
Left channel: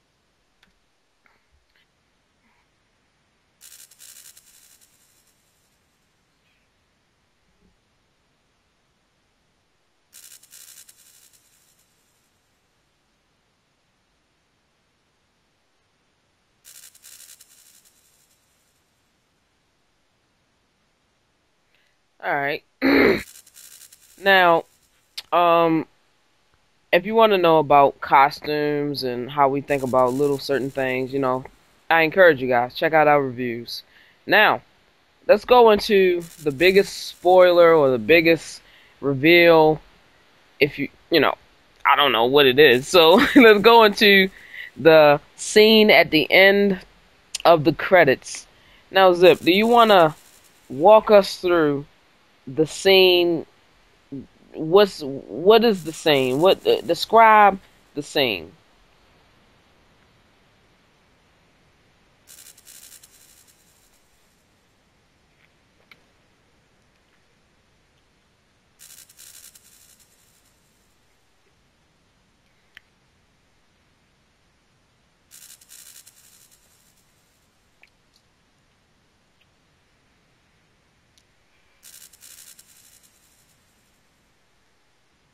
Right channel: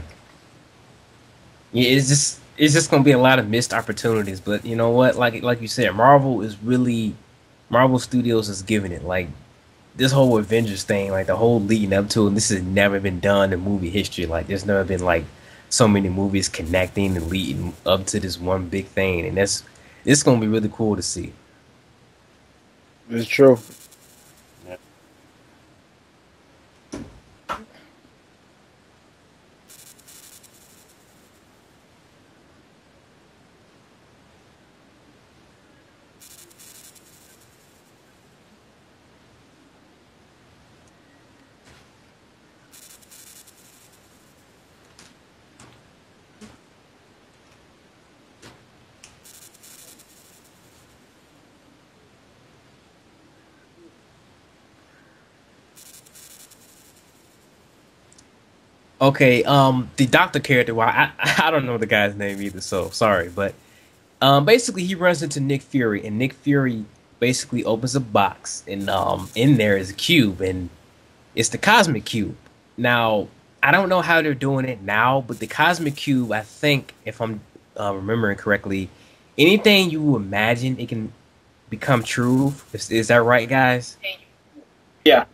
Yeah, it's just gonna be a lot of missed opportunities. But you know what? Like you said, Marvel Studios is giving it. Like this whole Avengers thing, like the whole leading up to it, this has never been done in movie history. Like there's never been like so many movies connecting and leading up to this one big thing, and it's gonna be really cool to see. All right. It's true. Now, um, if you want to know about costumes and how we think about little certain things, I encourage you guys check out our reviews. Now, let's go into the biggest spoiler or the biggest reveal. If I don't know what it is. So let's go into the scene at the end of the credits. Now, Zip, do you want to walk us through the scene? What is the scene? What describe the scene? Okay, the Doctor character. Well, I don't know the guy's name either, so sorry. But basically, he runs into Nick Fury, and Nick Fury basically opens a box, and in there is a cube, and it's the Cosmic Cube. Now, I don't know how they're doing it now, but the Cosmic Cube, I think, if I'm remembering correctly, anything you imagine, it can become true. Is that right, guys? Yeah.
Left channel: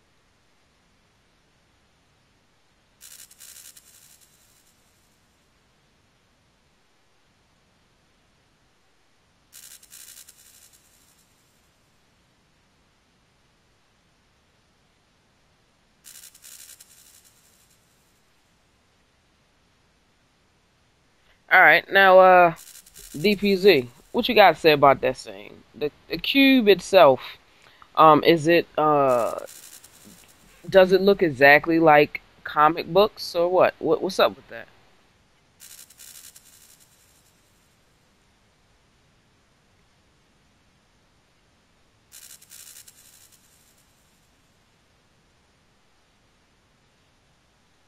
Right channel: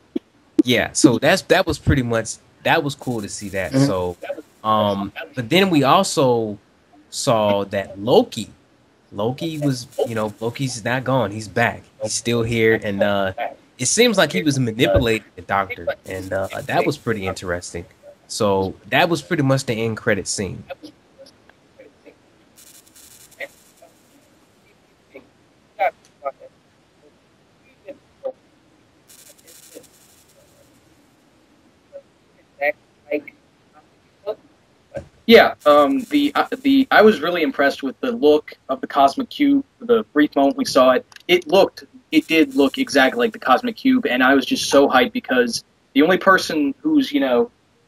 Yeah. So that was pretty much that was cool to see that. Mhm. So, but then we also saw that Loki was, Loki's not gone. He's back. He's still here, and it seems like he was manipulating the Doctor, and that was pretty interesting. So that was pretty much the end credit scene. All right, now DPZ, what you got to say about that scene? The cube itself, is it does it look exactly like comic books or what? What's up with that? Yeah, the I was really impressed with the look of the Cosmic Cube. The brief moment we saw it, it did look exactly like the Cosmic Cube, and I was just so hyped because the only person who's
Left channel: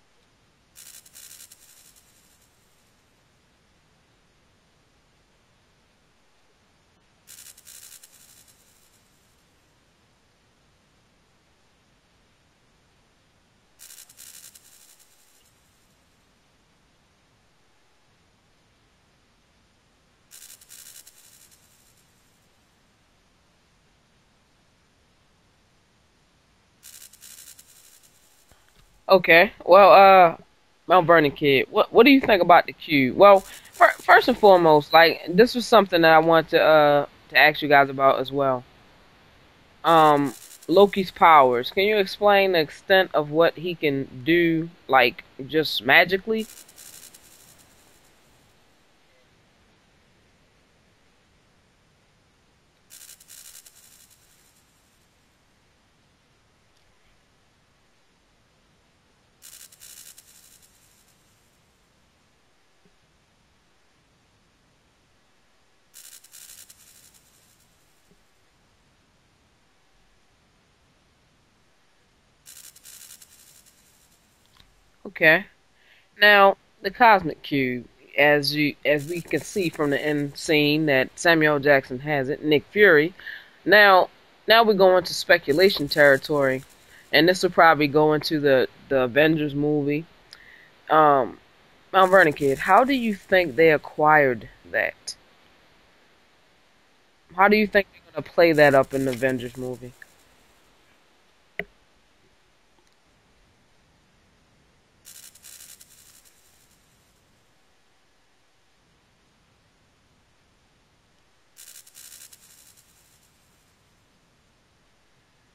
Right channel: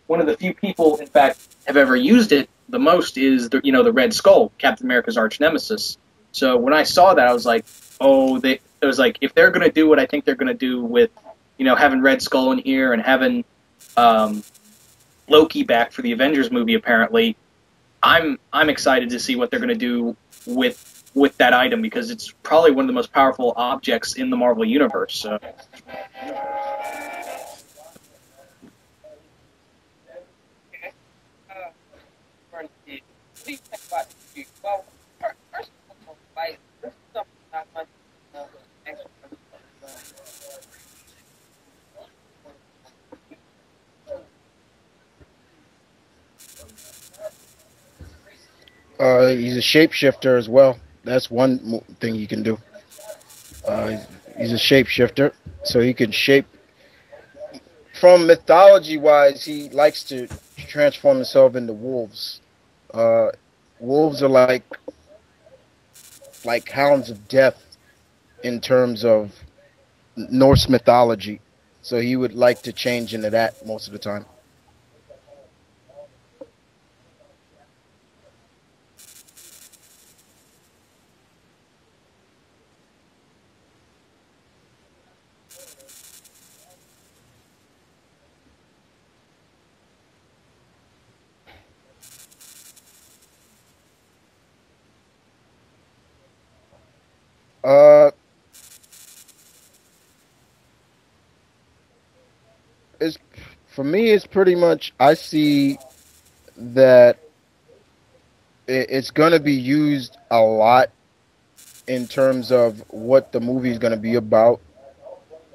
one of the few people, in fact, have ever used it the most is the Red Skull, Captain America's arch nemesis. So when I saw that, I was like, oh, it was like if they're gonna do what I think they're gonna do with having Red Skull in here and having um, Loki back for the Avengers movie. Apparently, I'm excited to see what they're going to do with that item because it's probably one of the most powerful objects in the Marvel universe. So. Okay, well, Mount Vernon Kid, what do you think about the cube? Well, first and foremost, like this was something that I want to ask you guys about as well. Um, Loki's powers. Can you explain the extent of what he can do, like just magically? He's a shapeshifter as well. That's one thing he can do. He's a shapeshifter, so he can shape. From mythology wise, he likes to transform himself into wolves. Uh, Wolves are like hounds of death in terms of Norse mythology. So he would like to change into that most of the time. Okay. Now, the cosmic cube, as we can see from the end scene that Samuel Jackson has it, Nick Fury. Now, now we go into speculation territory, and this will probably go into the Avengers movie. Um, Mount Vernon Kid, how do you think they acquired that? How do you think Uh, they're gonna play that up in the Avengers movie? it's for me. It's pretty much I see that it's going to be used a lot in terms of what the movie is going to be about.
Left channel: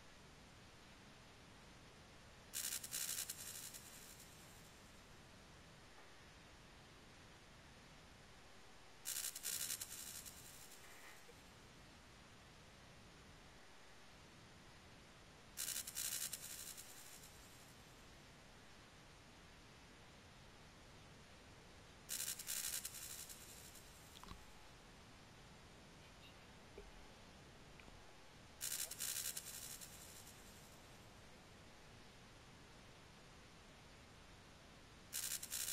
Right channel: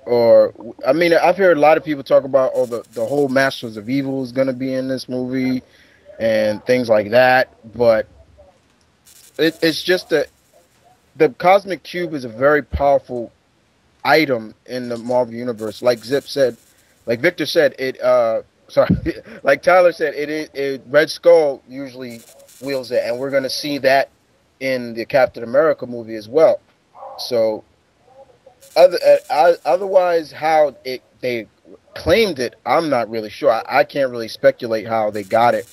Or I mean, I've heard a lot of people talk about the whole Masters of Evil is going to be in this movie and things like that. But it's just that the cosmic cube is a very powerful item in the Marvel universe. Like Zip said, like Victor said, it sorry, like Tyler said, it Red Skull usually wields it, and we're gonna see that in the Captain America movie as well. So otherwise, how it they claimed it, I'm not really sure. I can't really speculate how they got it.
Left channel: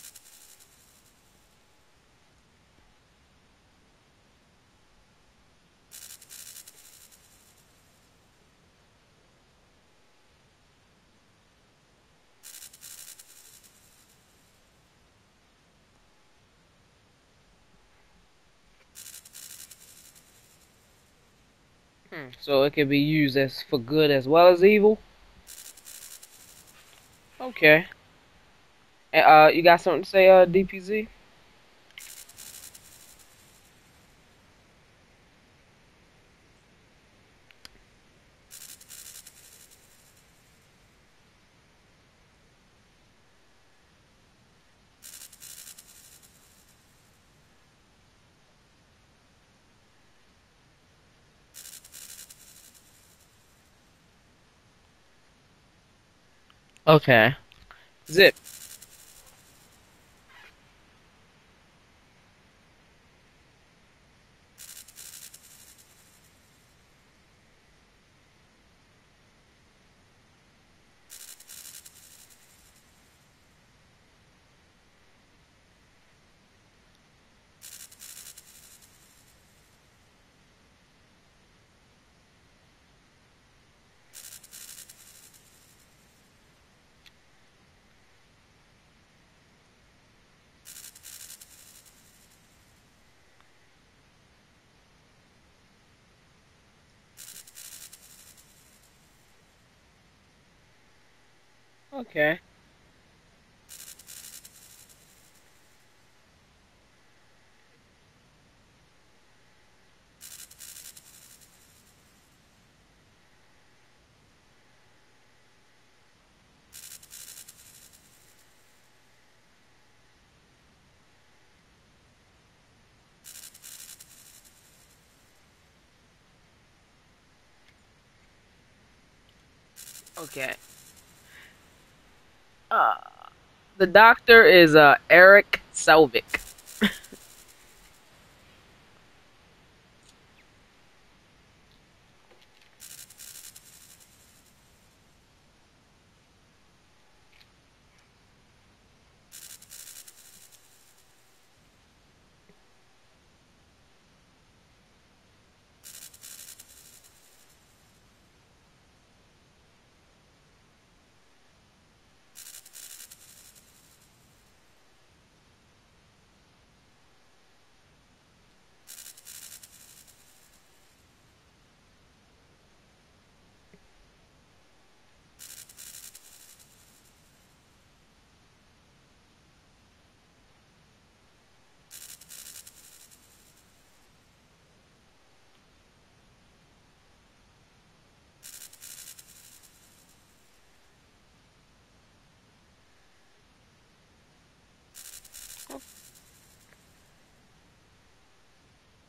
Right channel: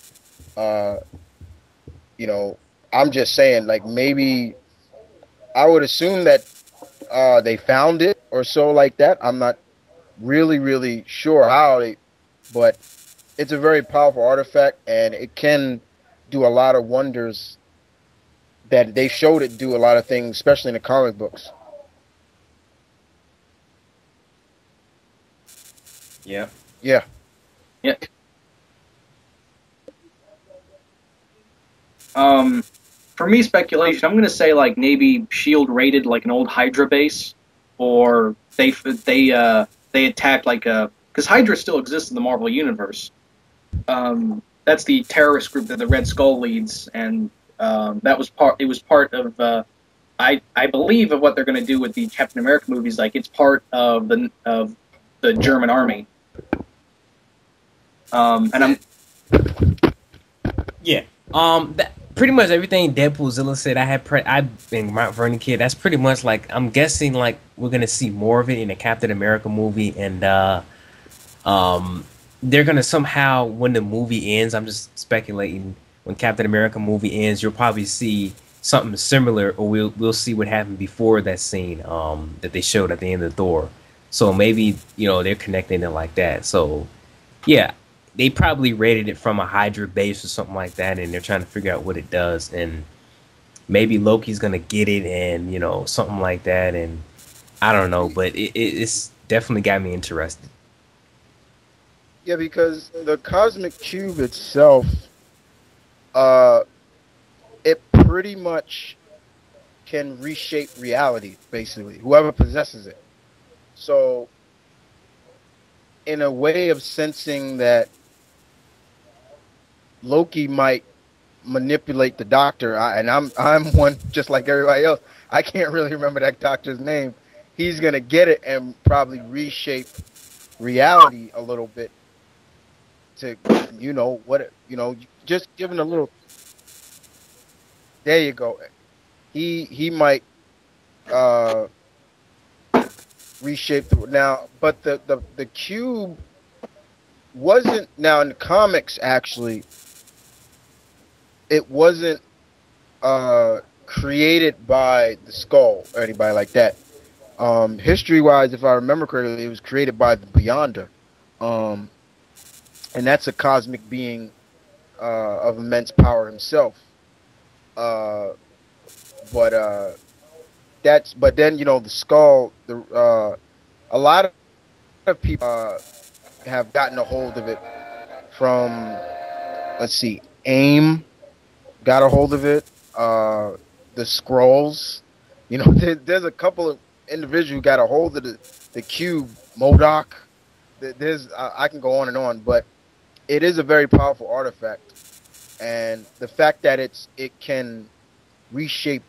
Uh, you know, I'm just saying, like maybe I would assume that they found it or so like that. I'm not really sure how they, but it's a very powerful artifact and it can do a lot of wonders that they showed it do a lot of things, especially in the comic books. So it can be used as for good as well as evil. Yeah. Yeah. Okay. Yeah. You got something to say, DPZ? Um, for me, speculation. I'm gonna say like maybe Shield raided like an old Hydra base, or they attacked like a because Hydra still exists in the Marvel universe. That's the terrorist group that the Red Skull leads, and that was part. It was part of. I believe of what they're going to do with the Captain America movies. Like it's part of the German army. Okay. Zip. And I'm Yeah. That pretty much everything Deadpoolzilla said. I've been Mount Vernon Kid. That's pretty much like I'm guessing like we're gonna see more of it in the Captain America movie, and um, they're gonna somehow when the movie ends. I'm just speculating. When Captain America movie ends, you'll probably see something similar, or we'll see what happened before that scene that they showed at the end of Thor. So maybe they're connecting it like that. So yeah, they probably rated it from a Hydra base or something like that, and they're trying to figure out what it does, and maybe Loki's gonna get it, and something like that, and I don't know, but it's definitely got me interested. Yeah, Okay. because the cosmic cube itself, uh, it pretty much can reshape reality, basically, whoever possesses it. So, in a way of sensing that Loki might manipulate the doctor, and I'm one just like everybody else. I can't really remember that doctor's name. He's gonna get it and probably reshape Okay. reality a little bit Uh, to the doctor is just Eric giving a little. Selvig. There you go. He might uh reshape now, but the cube wasn't now in the comics actually. It wasn't created by the skull or anybody like that. History wise, if I remember correctly, it was created by the Beyonder. Um, and that's a cosmic being of immense power himself. Uh, but but then the skull, a lot of people have gotten a hold of it from, let's see, AIM got a hold of it. The scrolls, there's a couple of individuals who got a hold of the cube. Modoc. There's I can go on and on, but it is a very powerful artifact, and the fact that it can reshape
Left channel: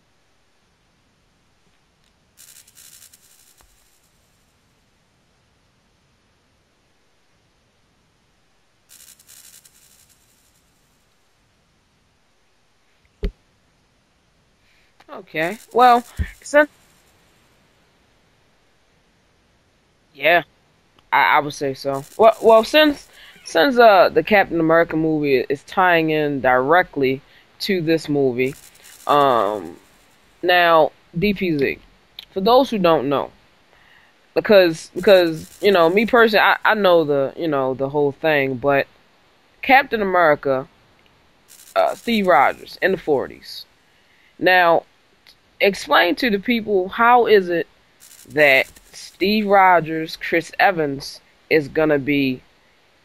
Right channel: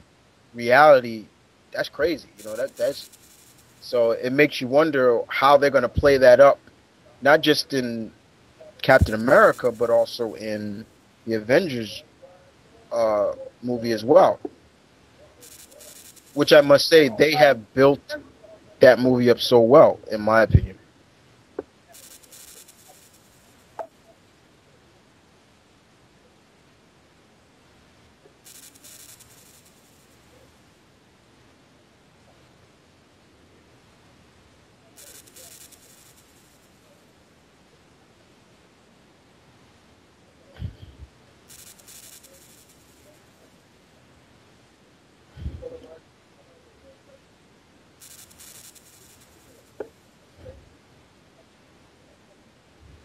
reality, that's crazy. That's so it makes you wonder how they're going to play that up, not just in Captain America, but also in the Avengers uh, movie as well. Okay. Well, Which I since must say they have built that movie up so well, in my yeah, opinion. I would say so. Well, since the Captain America movie is tying in directly to this movie, um, now DPZ. For those who don't know, because me personally, I know the whole thing, but Captain America, Steve Rogers in the 40s. Now, explain to the people how is it that Steve Rogers, Chris Evans is gonna be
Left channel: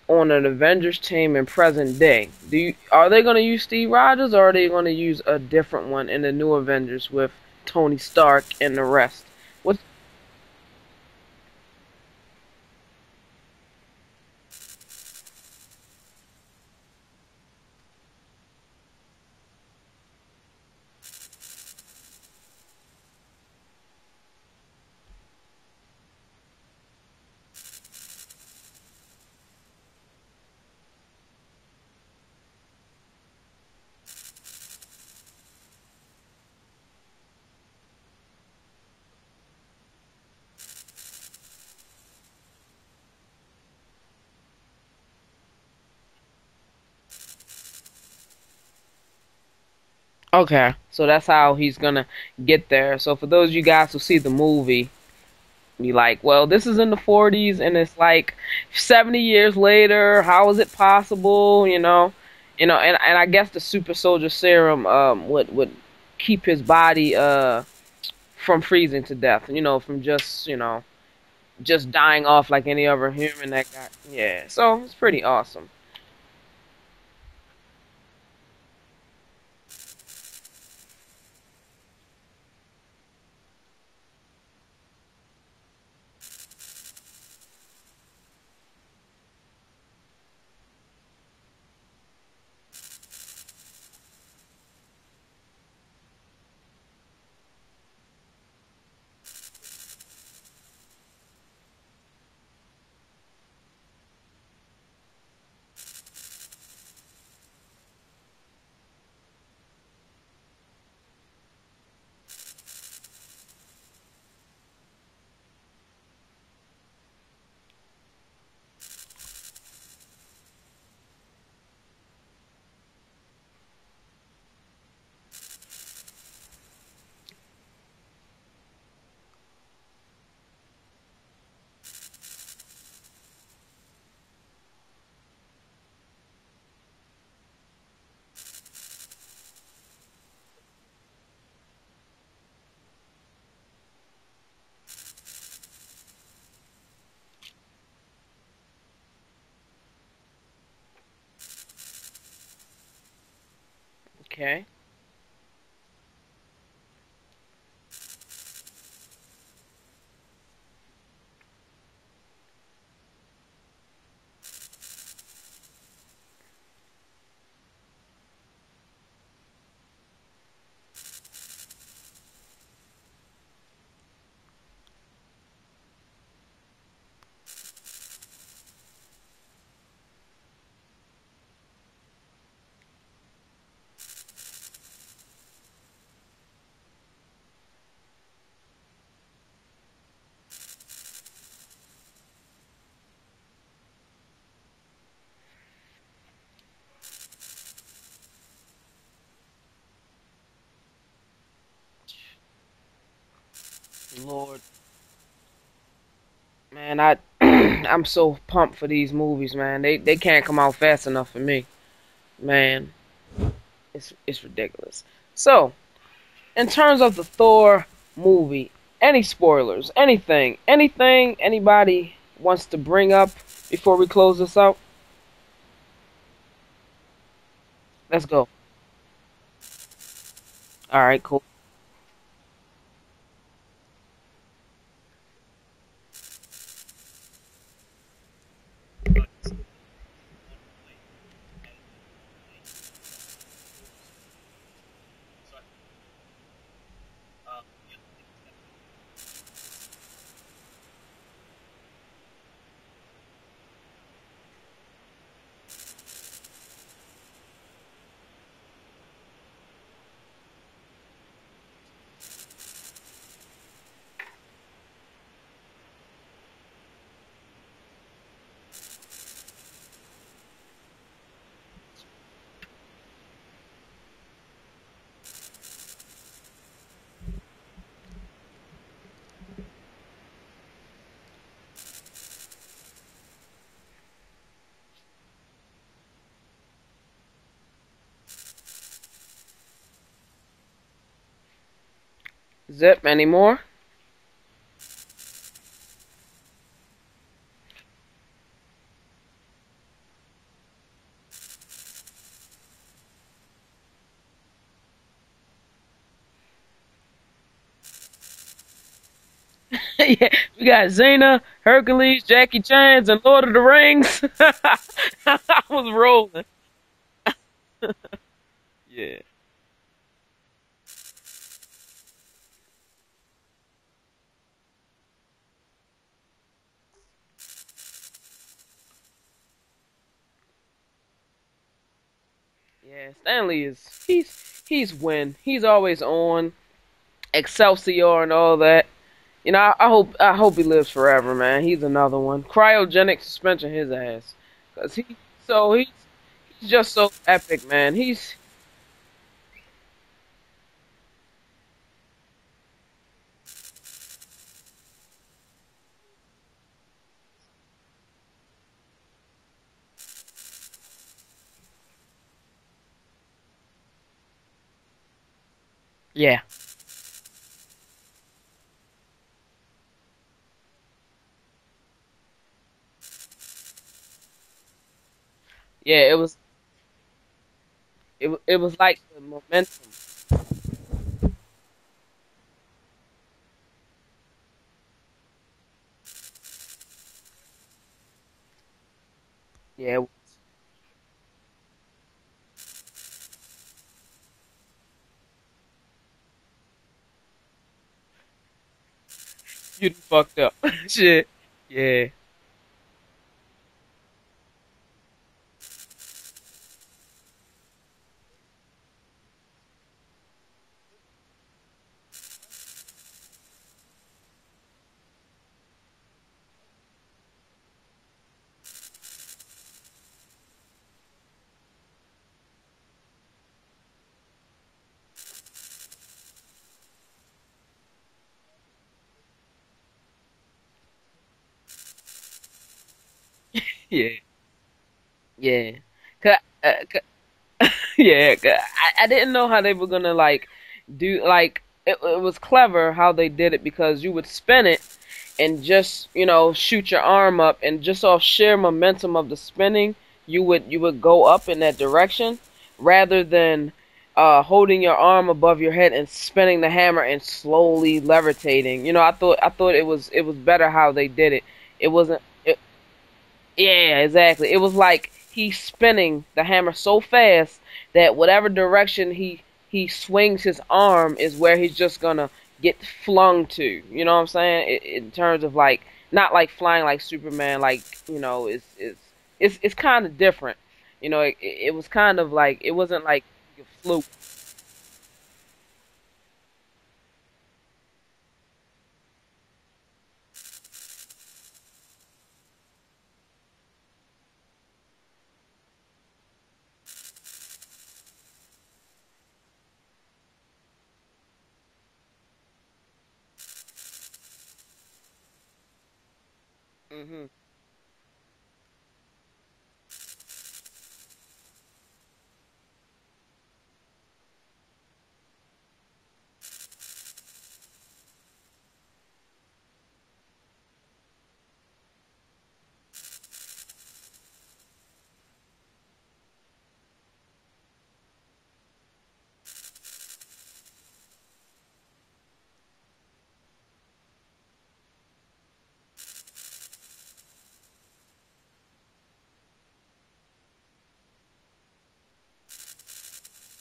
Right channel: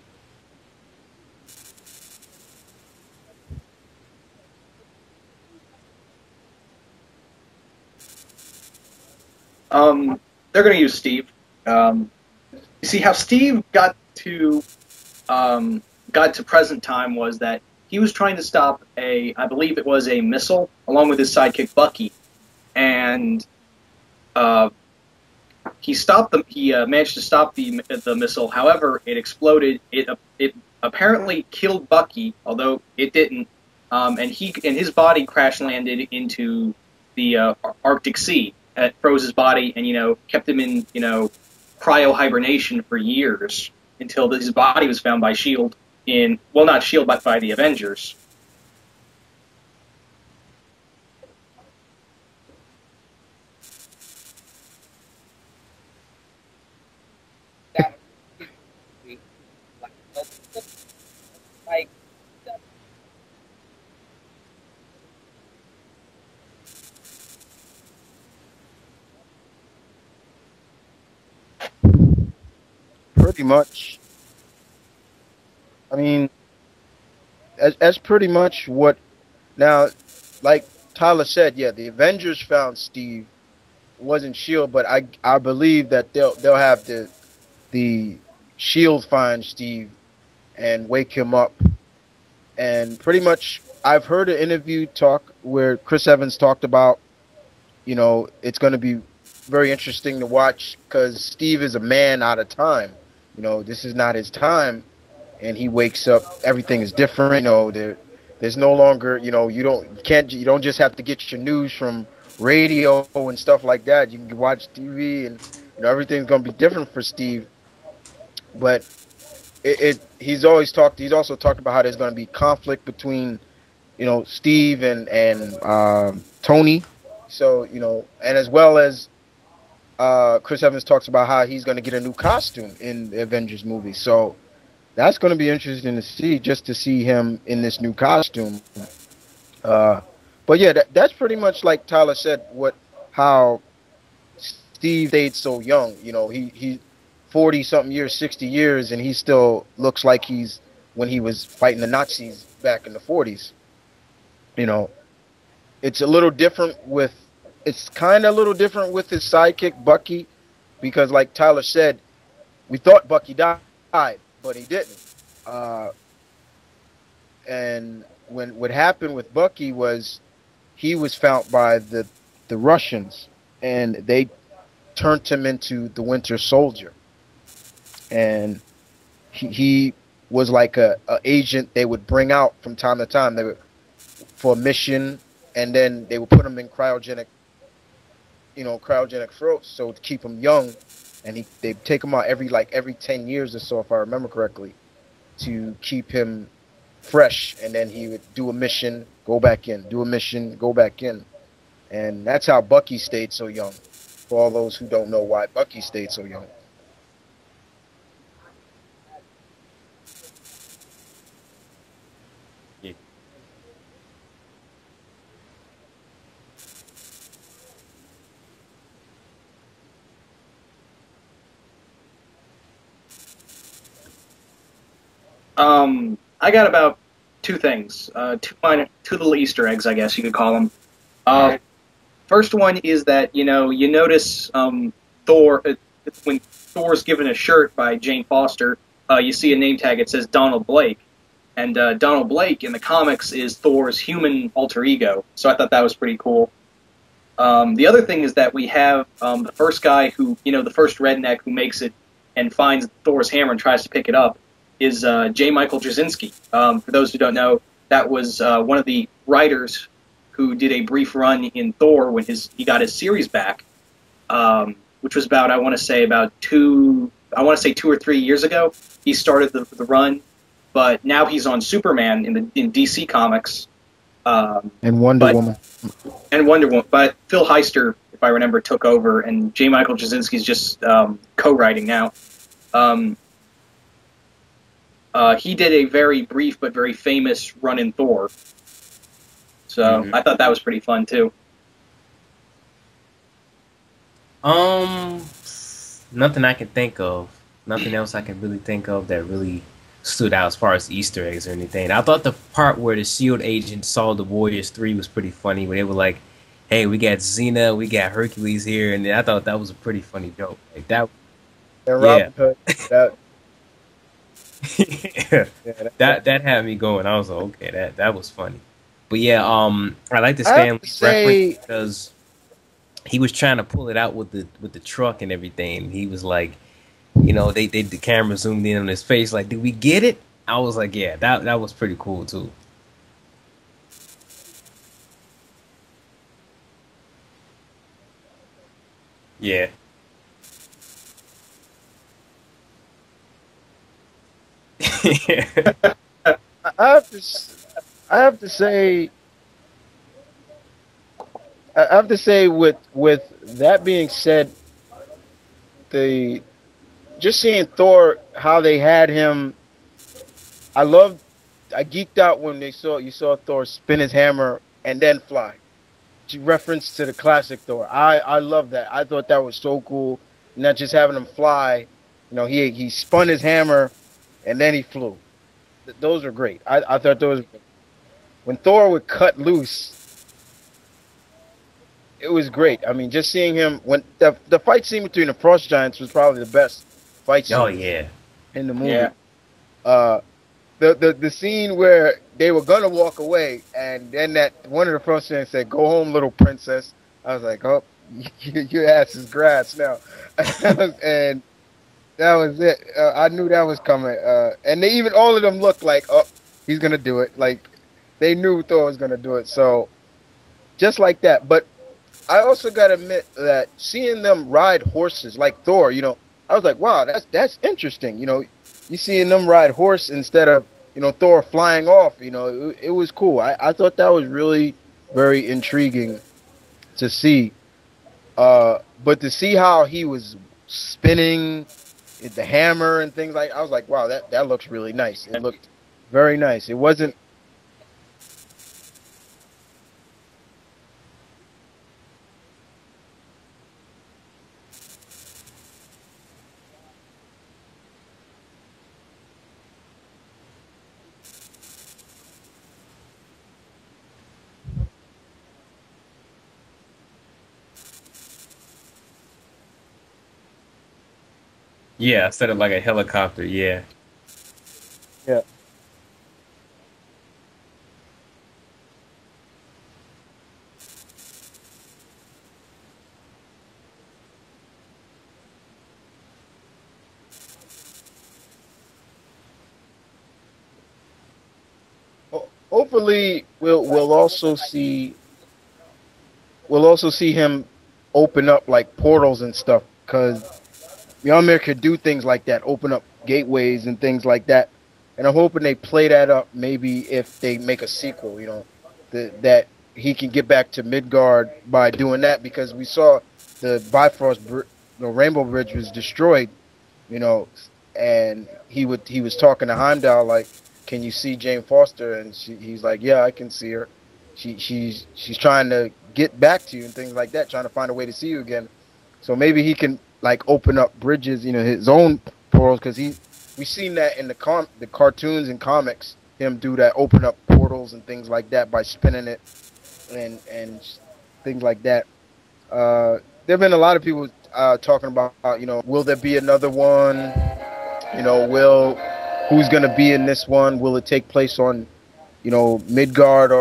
on an Avengers team in present day? Are they gonna use Steve Rogers, or are they gonna use a different one in the new Avengers with Tony Stark and the rest? What? They're going to use Steve. Um, you see how Steve um, got to present time was that he was trying to stop I believe it was a missile, along with his sidekick Bucky, and uh, he managed to stop the missile. However, it exploded. It apparently killed Bucky, although it didn't. And his body crash landed into the Arctic Sea. It froze his body and kept him in cryo hibernation for years until his body was found by Shield not Shield but by the Avengers. Okay, so that's how he's gonna get there. So for those of you guys who see the movie, be like, well, this is in the 40s and it's like 70 years later. How is it possible? And I guess the super soldier serum would keep his body from freezing to death. From just dying off like any other Pretty human that got. much. Yeah, so it's pretty awesome. I mean, that's pretty much what now. Like Tyler said, yeah, the Avengers found Steve. It wasn't Shield, but I believe that they'll have the Shield find Steve and wake him up. And pretty much, I've heard an interview talk where Chris Evans talked about, it's going to be very interesting to watch because Steve is a man out of time. This is not his time, and he wakes up. Everything is different. There's no longer, you don't just have to get your news from radio and stuff like that. You can watch TV, and everything's going to be different for Steve. But he's also talked about how there's going to be conflict between Steve and Tony. So and as well as Chris Evans talks about how he's going to get a new costume in the Avengers movie. So that's going to be interesting to see, just to see him in this new costume. Uh, but yeah, that's pretty much like Tyler said. How Steve stayed so young. He 40 something years, 60 years, and he still looks like he's when he was fighting the Nazis back in the 40s. Okay. You know, it's a little different with it's kind of a little different with his sidekick Bucky, because like Tyler said, we thought Bucky died, but he didn't. Uh, and what happened with Bucky was he was found by the Russians, and they turned him into the Winter Soldier, and he was like a agent they would bring out from time to time. They would for a mission, and then they would put him in cryogenic throats, so to keep him young, and they take him out every 10 years or so, if I remember correctly, to keep him fresh, and then he would do a mission, go back in, do a mission, go back in, and that's how Bucky stayed so young. For all Lord. those who don't know why Bucky stayed so young. Man, I'm so pumped for these movies, man. They can't come out fast enough for me. Man, it's ridiculous. So, in terms of the Thor movie, any spoilers, anything anybody wants to bring up before we close this out? I got about two things. Let's go. Two little Easter eggs, I guess you could call them. All right, cool. First one is that you notice Thor when Thor's given a shirt by Jane Foster, you see a name tag. It says Donald Blake, and Donald Blake in the comics is Thor's human alter ego. So I thought that was pretty cool. The other thing is that we have the first guy who, the first redneck who makes it and finds Thor's hammer and tries to pick it up is J. Michael Jasinski. For those who don't know, that was one of the writers who did a brief run in Thor when he got his series back, which was about, I want to say 2 or 3 years ago. He started the run, but now he's on Superman in DC Comics. And Wonder But Woman. and Wonder Woman. But Phil Heister, if I remember, took over, and J. Michael Jasinski's just co-writing now. Um, he did a very brief but very famous run in Thor, so I thought that was pretty fun too. Zip, any more? Um, Nothing I can think of. Nothing else I can really think of that really stood out as far as Easter eggs or anything. I thought the part where the Shield agent saw the Warriors 3 was pretty funny, where they were like, "Hey, we got Xena, we got Hercules here," and I thought that was a pretty funny Yeah, joke. we got That, Xena, And Hercules, Rob, yeah, Jackie Chans, and Lord of the Rings. I was that rolling. had me going. I was like, okay, that was funny. Yeah. But yeah, I like the I have Stan to Lee reference say, because he was trying to pull it out with the truck and everything. He was like, they the camera zoomed in on his face, like, did we get it? I was like, yeah, that was pretty cool too. Yeah, Stanley he's win. He's always on Excelsior and all that. You know, Yeah. I hope he lives forever, man. He's another one. Cryogenic suspension his ass. 'Cause he's I just have so to, epic, man. I have to say, with that being said, the just seeing Thor, how they had him, I loved, I geeked out when you saw Thor spin his hammer and then fly. Yeah. Reference to the classic Thor. I love that. I thought that was so cool. Not just having him fly. He spun his hammer and then he flew. Yeah, Those are great. I thought those it when was Thor like would cut momentum. loose, it was great. I mean, just seeing him when the fight scene between the Frost Giants was probably the best fight Oh scene yeah. in the Yeah. movie. Yeah. Uh, the scene where they were gonna walk away, and then that one of the Frost Giants said, "Go home, little princess." I was like, "Oh, your ass is grass Get now," fucked up. Shit. and Yeah. that was it. I knew that was coming. And they even all of them looked like, "Oh, he's gonna do it." Like they knew Thor was gonna do it. So just like that. But I also gotta admit that seeing them ride horses like Thor, I was like, wow, that's interesting. You seeing them ride horse instead of Thor flying off. It was cool. I thought that was really very intriguing to see. But to see how he was spinning the hammer and things like, I was like, wow, Yeah. that looks really nice. It looked Yeah. very 'Cause- nice. It wasn't. Yeah. 'Cause I didn't know how they were gonna like do like it was clever how they did it because you would spin it and just shoot your arm up and just off sheer momentum of the spinning you would go up in that direction rather than holding your arm above your head and spinning the hammer and slowly levitating. I thought it was better how they did it. It wasn't Yeah, instead of like a helicopter. Yeah. Yeah, exactly. It was like Yeah. he's spinning the hammer so fast that whatever direction he swings his arm is where he's just gonna get flung to. You know what I'm saying? In terms of like not like flying like Superman, like it's kind of different. It was kind of like it wasn't like Hopefully, fluid. we'll also see him open up like portals and stuff because Mjolnir could do things like that, open up gateways and things like that. And I'm hoping they play that up maybe if they make a sequel, that he can get back to Midgard by doing that because we saw the the Rainbow Bridge was destroyed, you Hmm. know, and he was talking to Heimdall like, "Can you see Jane Foster?" And he's like, "Yeah, I can see her. She's trying to get back to you and things like that, trying to find a way to see you again." So maybe he can like open up bridges, his own portals because we've seen that in the cartoons and comics, him do that, open up portals and things like that by spinning it and things like that. There've been a lot of people talking about, will there be another one? Will who's gonna be in this one? Will it take place on, Midgard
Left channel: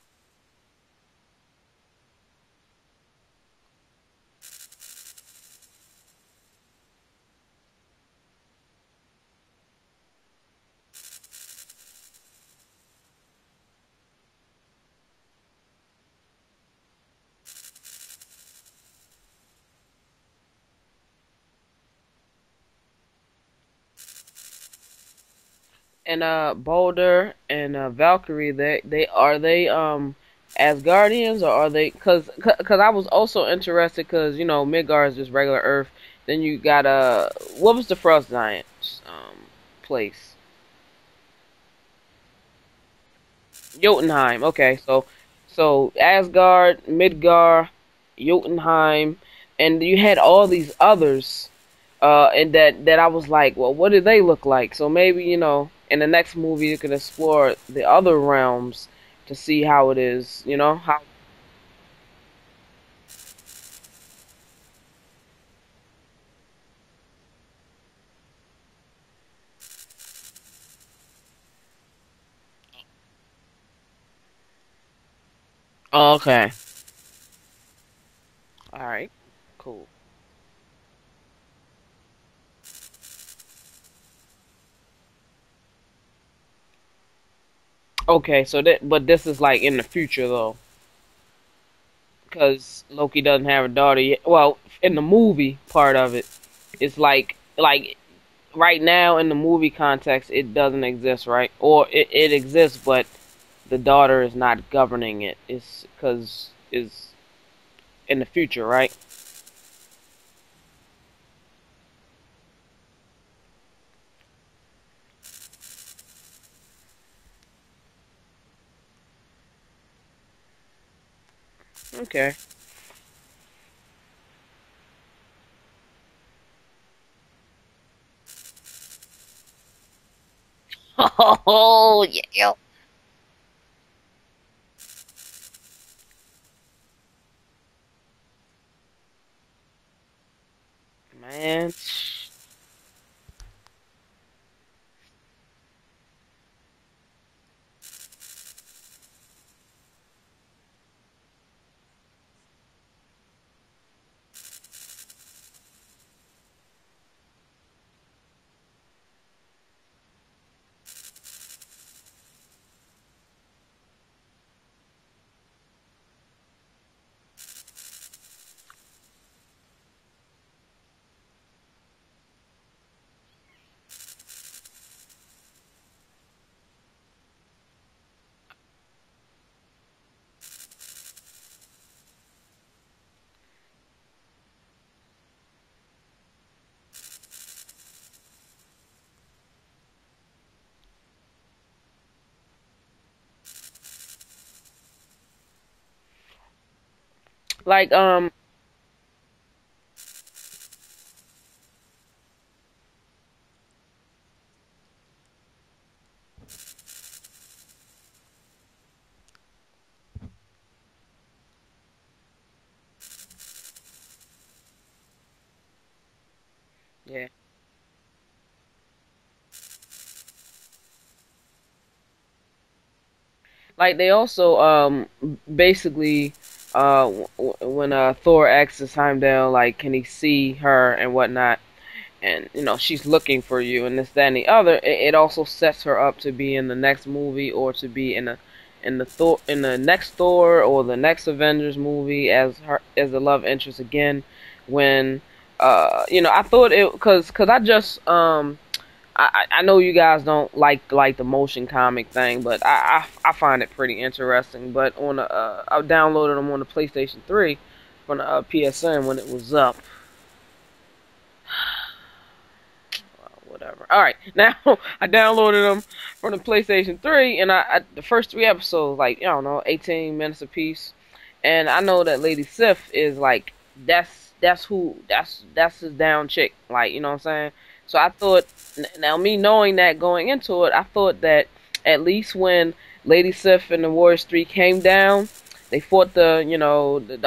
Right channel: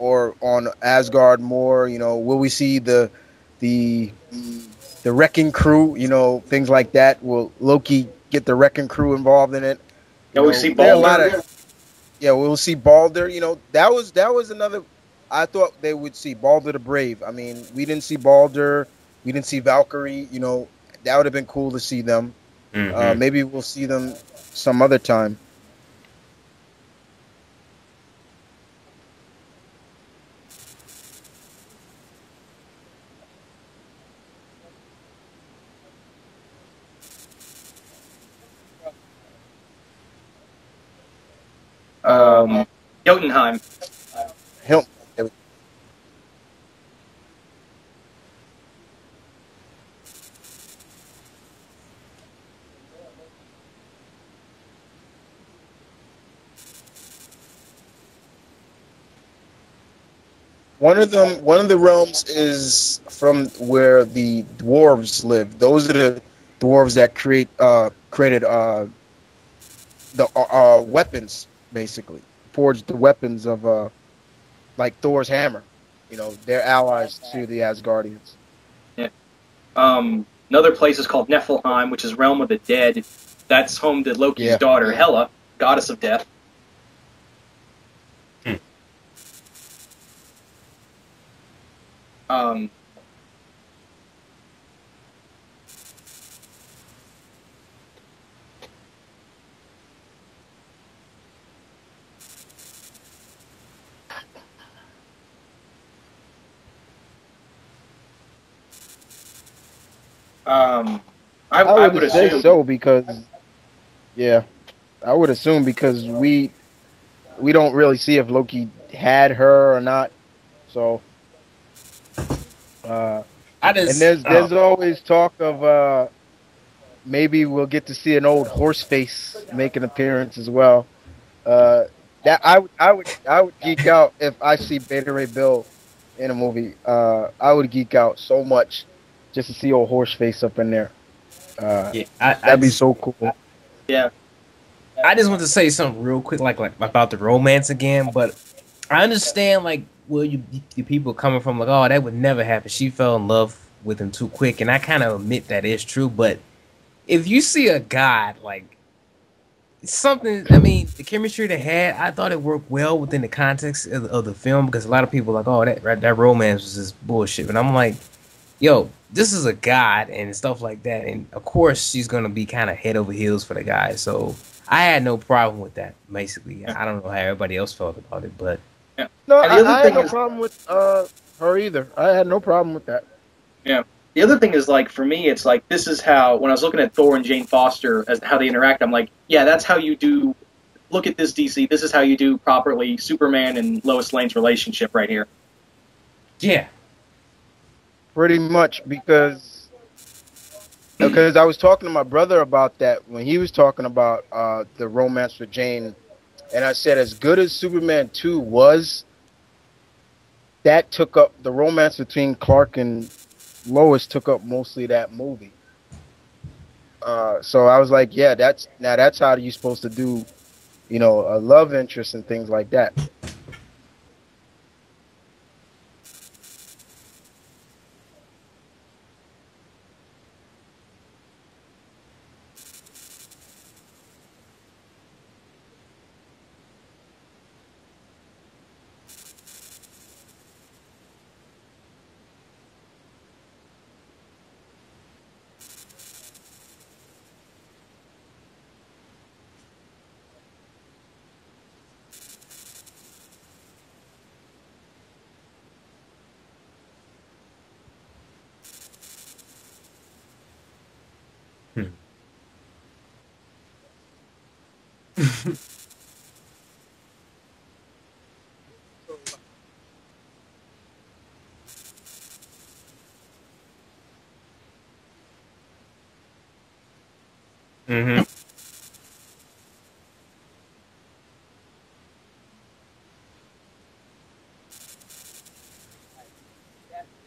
or on Asgard more? You know, will we see the the wrecking crew? You know, things like that. Will Loki get the wrecking crew involved in it? You Yeah, we know, see there are a lot Balder. of yeah. We'll see Balder. You know, that was another. I thought they would see Balder the Brave. I mean, we didn't see Balder. We didn't see Valkyrie. You know, that would have been cool to see them. Mm-hmm. Maybe we'll see them some other time. And Boulder and Valkyrie, they Asgardians, or are they? Cause I was also interested, cause you know Midgard is just regular Earth. Then you got what was the Frost Giants place? Um, Jotunheim. Jotunheim. Okay, Nope. so Asgard, Midgard, Jotunheim, and you had all these others. And that I was like, well, what do they look like? So maybe in the next movie you can explore the other realms to see how it is. One of the realms is from where the dwarves live. Those are the dwarves that created the weapons, basically forged the weapons of like Thor's hammer. Oh, You know, okay. they're allies to the Asgardians. All Yeah. right. Cool. Another place is called Niflheim, which is realm of the dead. That's home to Loki's Yeah. daughter Hela, goddess of death. Okay. But this is like in the future though, Um, because Loki doesn't have a daughter yet. Well, in the movie part of it, it's like right now in the movie context, it doesn't exist, right? Or it exists, but the daughter is not governing it. It's because is in the future, right? um, I I would would say assume. so because yeah, I would assume because we don't really see if Loki had her or not. So Okay. uh, I and just there's always talk of maybe we'll get to see an old horse face make an appearance as well. Uh, Oh that yeah. I would geek out if I see Beta Ray Bill in a movie. I would geek out so much just to see old horse face up in there. Man. Uh, yeah, that'd be so cool. Yeah. I just want to say something real quick, like about the romance again. But I understand like where you people coming from, like, oh, that would never happen. She fell in love with him too quick, and I kind of admit that is true. But if you see a god like something, I mean, the chemistry they had, I thought it worked well within the context of the film because a lot of people are like, oh, that romance was just bullshit, and I'm like, yo, this is a god and stuff like that, and of course she's gonna be kind of head over heels for the guy. So I had no problem with that. Basically, I don't know how everybody else felt about it, but Yeah. No, And the other I had thing no is, problem with her either. I had no problem with that. yeah. The other thing is like for me, it's like this is how when I was looking at Thor and Jane Foster as how they interact, I'm like, yeah, that's how you do. Look at this DC. This is how you do properly Superman and Lois Lane's relationship right here. yeah. Like Pretty much because I was talking to my brother about that when he was talking about the romance with Jane, and I said as good as Superman 2 was, that took up the romance between Clark and Lois took up mostly that movie. So I was like, yeah, that's how you're supposed to do, a love interest and things like that. like they also basically when Thor asks Heimdall like can he see her and whatnot, and she's looking for you and this that and the other, it also sets her up to be in the next movie or to be in the next Thor or the next Avengers movie as her as the love interest again. When I thought it because I just I know you guys don't like the motion comic thing, but I find it pretty interesting. But I downloaded them on the PlayStation 3 from the PSN when it was up. Hmm. Whatever. All right, now I downloaded them from the PlayStation 3, and I the first three episodes, like I don't know, 18 minutes apiece, and I know that Lady Sif is like that's his down chick, like you know what I'm saying. So I Mm-hmm. thought, now me knowing that going into it, I thought that at least when Lady Sif and the Warriors 3 came down, they fought the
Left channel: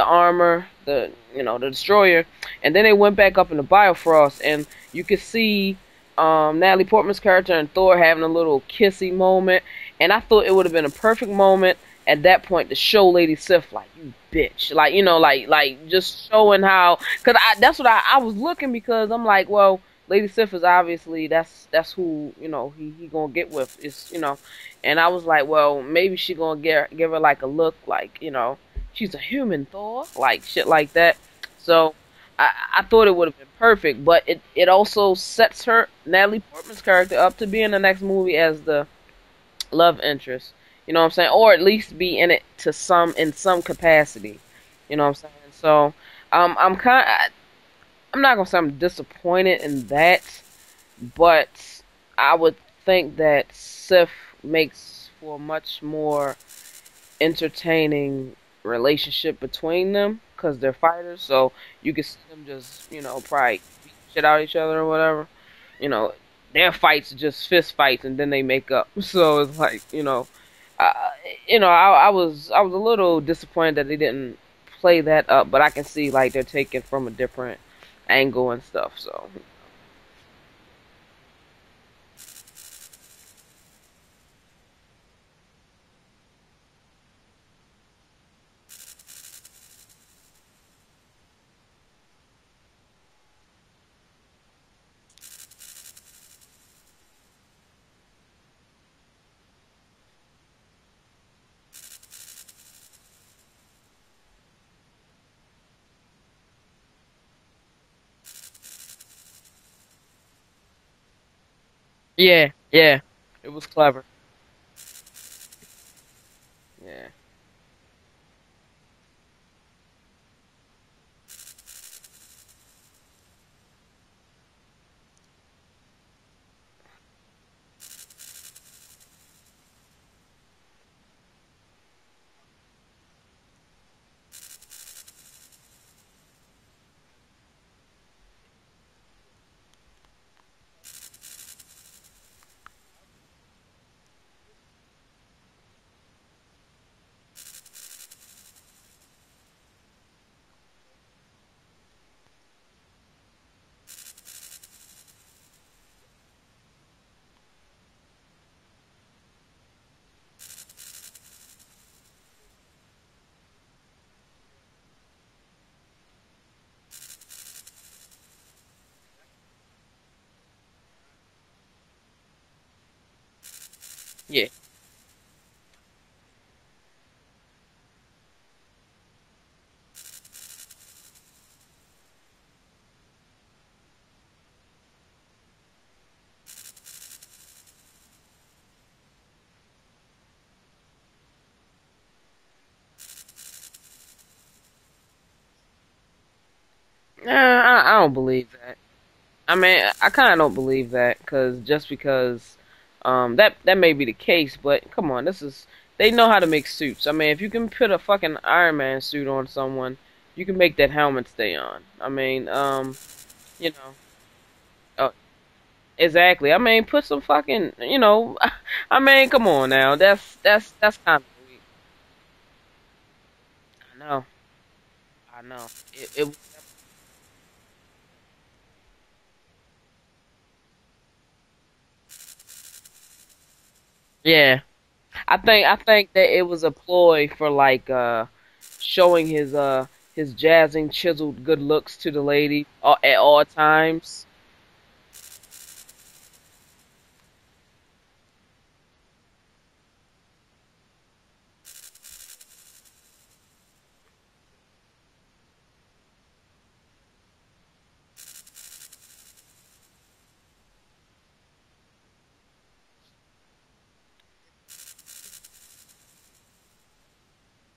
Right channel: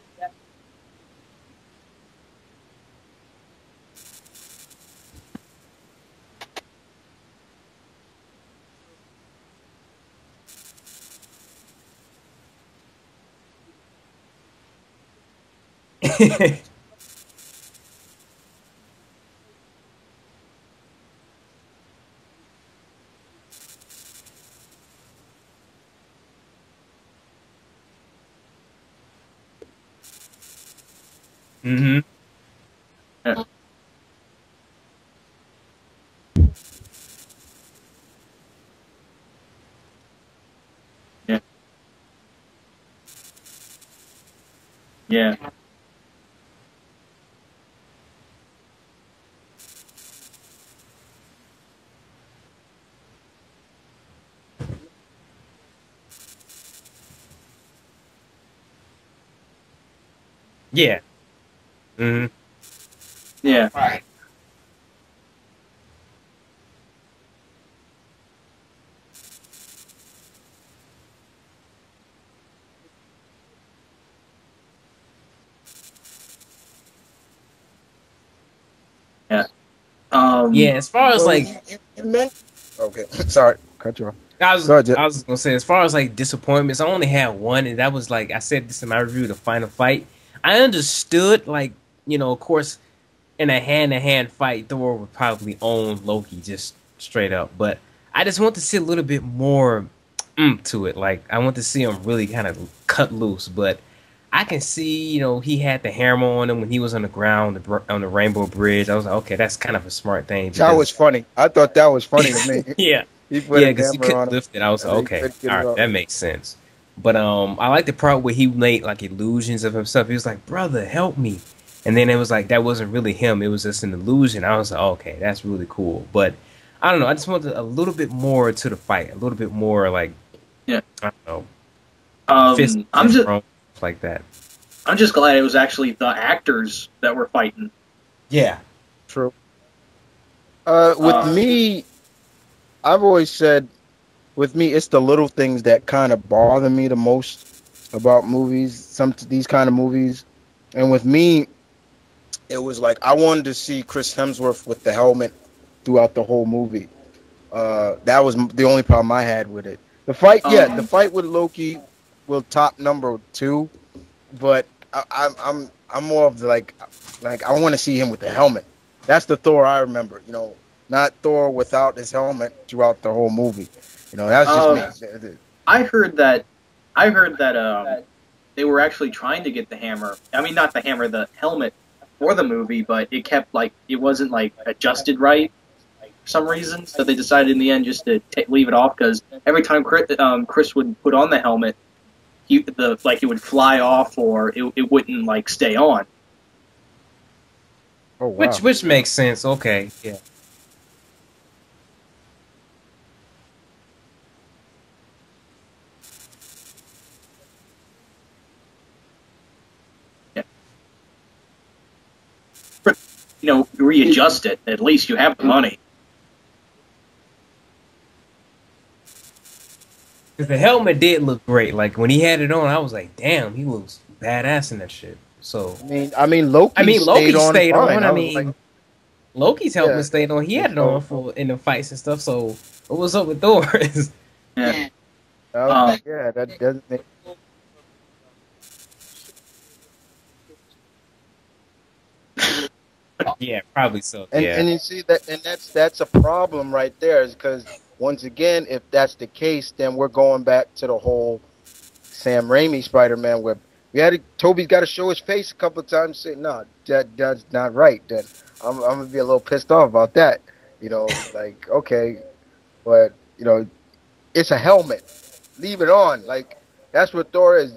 armor, the destroyer, and then they went back up in the Bifrost, and you could see Natalie Portman's character and Thor having a little kissy moment, and I thought it would have been a perfect moment at that point to show Lady Sif like you bitch, like like just showing how, cause that's what I was looking, because I'm like, well, Lady Sif is obviously that's who he gonna get with, is and I was like, well, maybe she gonna give her like a look like she's a human, Thor, like shit like that. So Mm-hmm. I thought it would Yeah. have been perfect, but it also sets her, Natalie Portman's character, up to be in the next movie as the love interest. You know what I'm saying? Yeah. Or at least be in it in some capacity. You know what I'm Yeah. saying? So I'm not gonna say I'm disappointed in that, but I would think that Sif makes for a much more entertaining relationship between them, because they're Yeah. fighters. So you can see Mm-hmm. them just probably Yeah. shit out each other or whatever. You know, their fights just fist fights and then they make up. So it's like I, I was a little disappointed that they didn't play that up, but I can see like they're taking from a different angle and stuff. So Yeah. Yeah. As far as So like, you meant okay. Sorry, cut you off. I was Go ahead, Jet. I was gonna say, as far as like disappointments, I only had one, and that was like I said this in my review, the final fight. I understood, like, of course, in a hand-to-hand fight, Thor would probably own Loki just straight up. But I just want to see a little bit more to it. Like, I want to see him really kind of cut loose. But I can see, he had the hammer on him when he was on the ground on the Rainbow Bridge. I was like, okay, that's kind of a smart thing That was because funny. I thought that was funny to yeah, me. yeah, yeah, He put yeah, a because he camera couldn't on him lift it. I was like, and he okay, couldn't get all it right, up. that makes sense. yeah. But I like the part where he made like illusions of himself. He was like, "Brother, help me," and then it was like that wasn't really him. It was just an illusion. I was like, okay, that's really cool. But I don't know. I just wanted a little bit more to the fight. A little bit more like Yeah. I don't know, fist Um, I'm just thrown like that. I'm just glad it was actually the actors that were fighting. Yeah. True. With Uh, me, I've always said, with me, it's the little things that kind of bother me the most about movies. These kind of movies, and with me, it was like I wanted to see Chris Hemsworth with the helmet throughout the whole movie. That was the only problem I had with it. The fight, yeah, the um, fight with Loki will top number two, but I'm more of the like I want to see him with the helmet. That's the Thor I remember. Not Thor without his helmet throughout the whole movie. yeah, That's just me. I heard that I heard that they were actually trying to get the hammer. I mean, not the hammer, the helmet for the movie, but it kept like it wasn't like adjusted right for some reason. So they decided in the end just to leave it off because every time Chris would put on the helmet, it would fly off or it wouldn't like stay on. I don't Oh believe. wow. Which makes sense. I mean, Okay. I Yeah. kind of don't believe that, because that may be the case, but come on, they know how to make suits. I mean, if you can put a fucking Iron Man suit on someone, Yeah. you can make that helmet stay on. I mean, you know, Readjust it. At least uh, you have the money. exactly. I mean, put some fucking, I mean, come on now, that's Because the that's helmet that's did not look great. Like when he had it on, I was like, damn, he looks no, badass in that shit. I know. So I Loki mean, stayed Loki on stayed fine. on. I I was like, mean, Loki's yeah. helmet stayed on. He had it on So for in the fights and stuff. So what was up with Thor's? Yeah, Yeah. I think yeah, that it was a that ploy for like showing his jazzing, chiseled good looks to the lady at all Yeah, probably times. so. and Yeah, you see that, and that's a problem right there, is because once again, if that's the case, then we're going back to the whole Sam Raimi Spider-Man where Toby's got to show his face a couple of times. Say, no, that's not right. Then I'm gonna be a little pissed off about that. Like okay, but it's a helmet. Leave it on. Like that's what Thor is.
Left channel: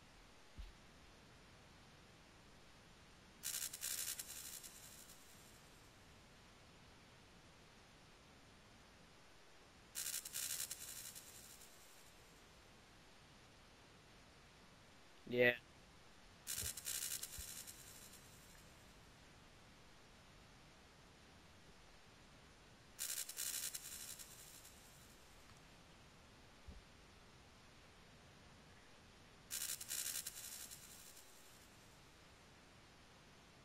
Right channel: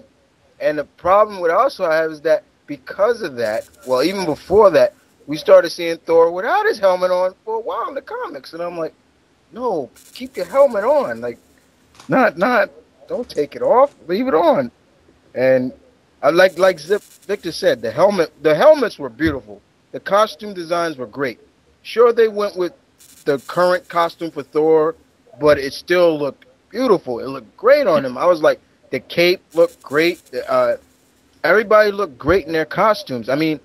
And the problem with also have is that because of that, well, even before that, we started seeing Thor without his helmet on for a while in the comics, and I'm like, no, keep your helmet on. Like not don't take it off. Leave it on. Yeah, And I like Victor said, the helmets were beautiful. The costume designs were great. Sure, they went with the current costume for Thor, but it still looked beautiful. It looked great on him. I was like, the cape looked great. Everybody looked great in their costumes. I mean,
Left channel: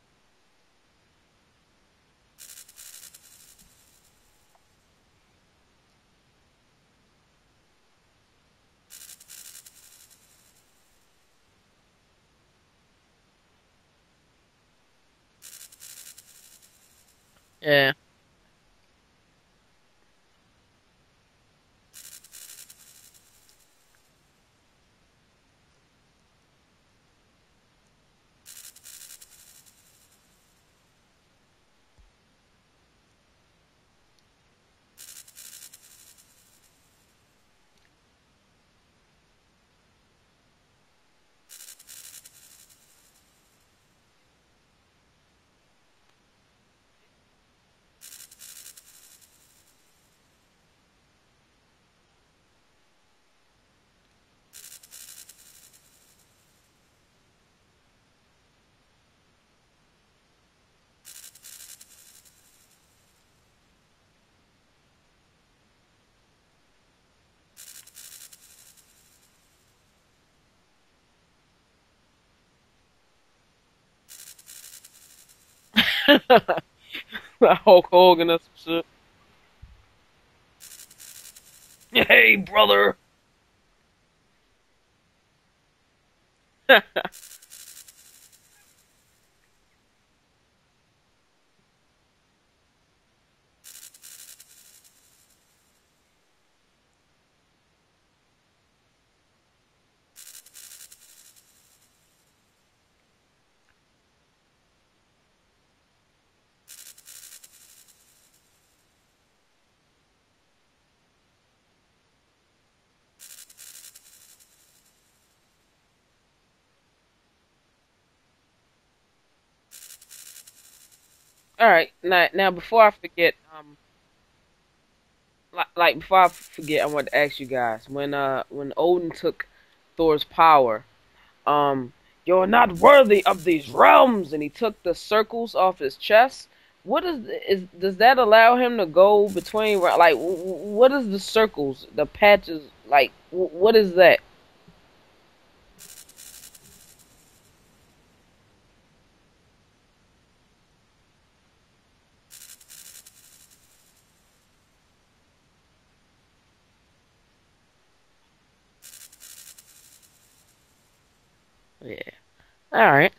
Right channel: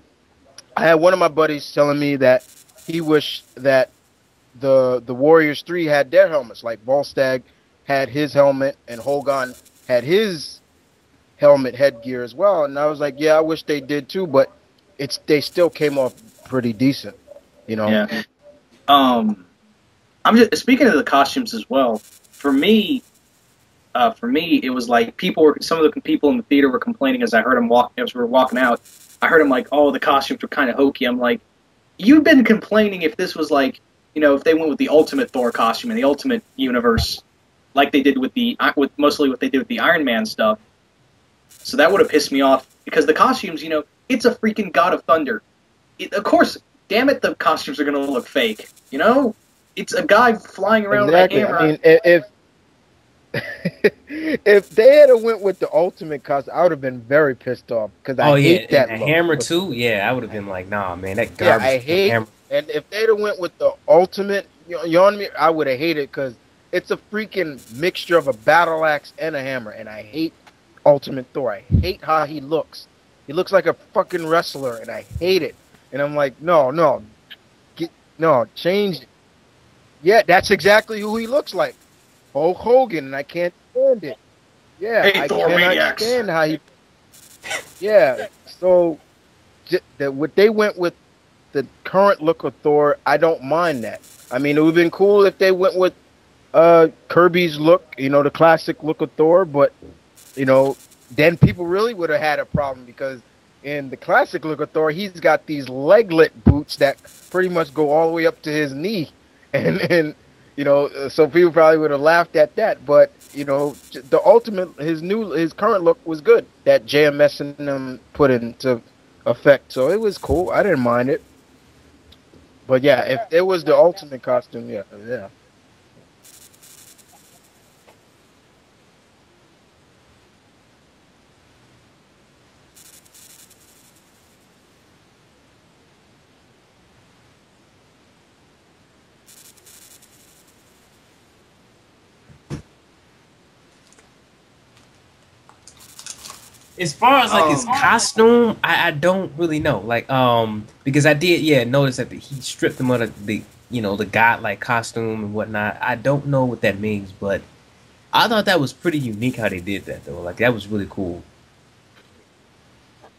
I had one of my buddies telling me that he wished that the Warriors 3 had their helmets. Like Volstagg had his helmet and Hogan had his helmet headgear as well, and I was like, yeah, I wish they did too, but they still came off pretty decent, you know. Yeah. Yeah. Um, I'm just speaking of the costumes as well. For me, it was like some of the people in the theater were complaining as I heard them as we were walking out. I heard them like, oh, the costumes were kind of hokey. I'm like, you've been complaining if this was like, if they went with the ultimate Thor costume in the Ultimate Universe, like they did with mostly what they did with the Iron Man stuff. So that would have pissed me off because the costumes, it's a freaking God of Thunder. Of course, damn it, the costumes are gonna look fake. It's a guy flying around with a Exactly. I hammer. mean, if if they had went with the ultimate costume, I would have been very pissed off because I Oh yeah, hate and that the look. hammer too. Yeah, I would have been like, nah, man, that Yeah, garbage I hate. hammer. And if they'd have went with the ultimate, you know what I mean? I would have hated because it's a freaking mixture of a battle axe and a hammer, and I hate Ultimate Thor. I hate how he looks. He looks like a fucking wrestler, and I hate it. And I'm like, no, no, Hulk Hogan. no, change it. Yeah, that's exactly who he looks like. Hey, Hulk brother. Hogan, and I can't stand it. Yeah, Hey, I Thor cannot Maniacs. stand how he. Yeah, so what they went with the current look of Thor, I don't mind that. I mean, it would have been cool if they went with Kirby's look, the classic look of Thor, but you know, then people really would have had a problem because in the classic look of Thor, he's got these leglet boots that pretty much go all the way up to his knee, and so people probably would have laughed at that. But the ultimate, his current look was good that JMS and them put into effect, so it was cool. I didn't mind it. All right, now before But I yeah, if forget, it was the ultimate costume, yeah, yeah. like before I forget, I want to ask you guys when Odin took Thor's power, um, you're not worthy of these realms, and he took the circles off his chest. What does that allow him to go between like what is the circles, the patches like what is that? As far as like his Um, costume, I don't really know. Like because I did notice that he stripped him of the godlike costume and whatnot. I don't know what that means, but I thought that was pretty unique how they did that though. Like that was really cool. Yeah. All right.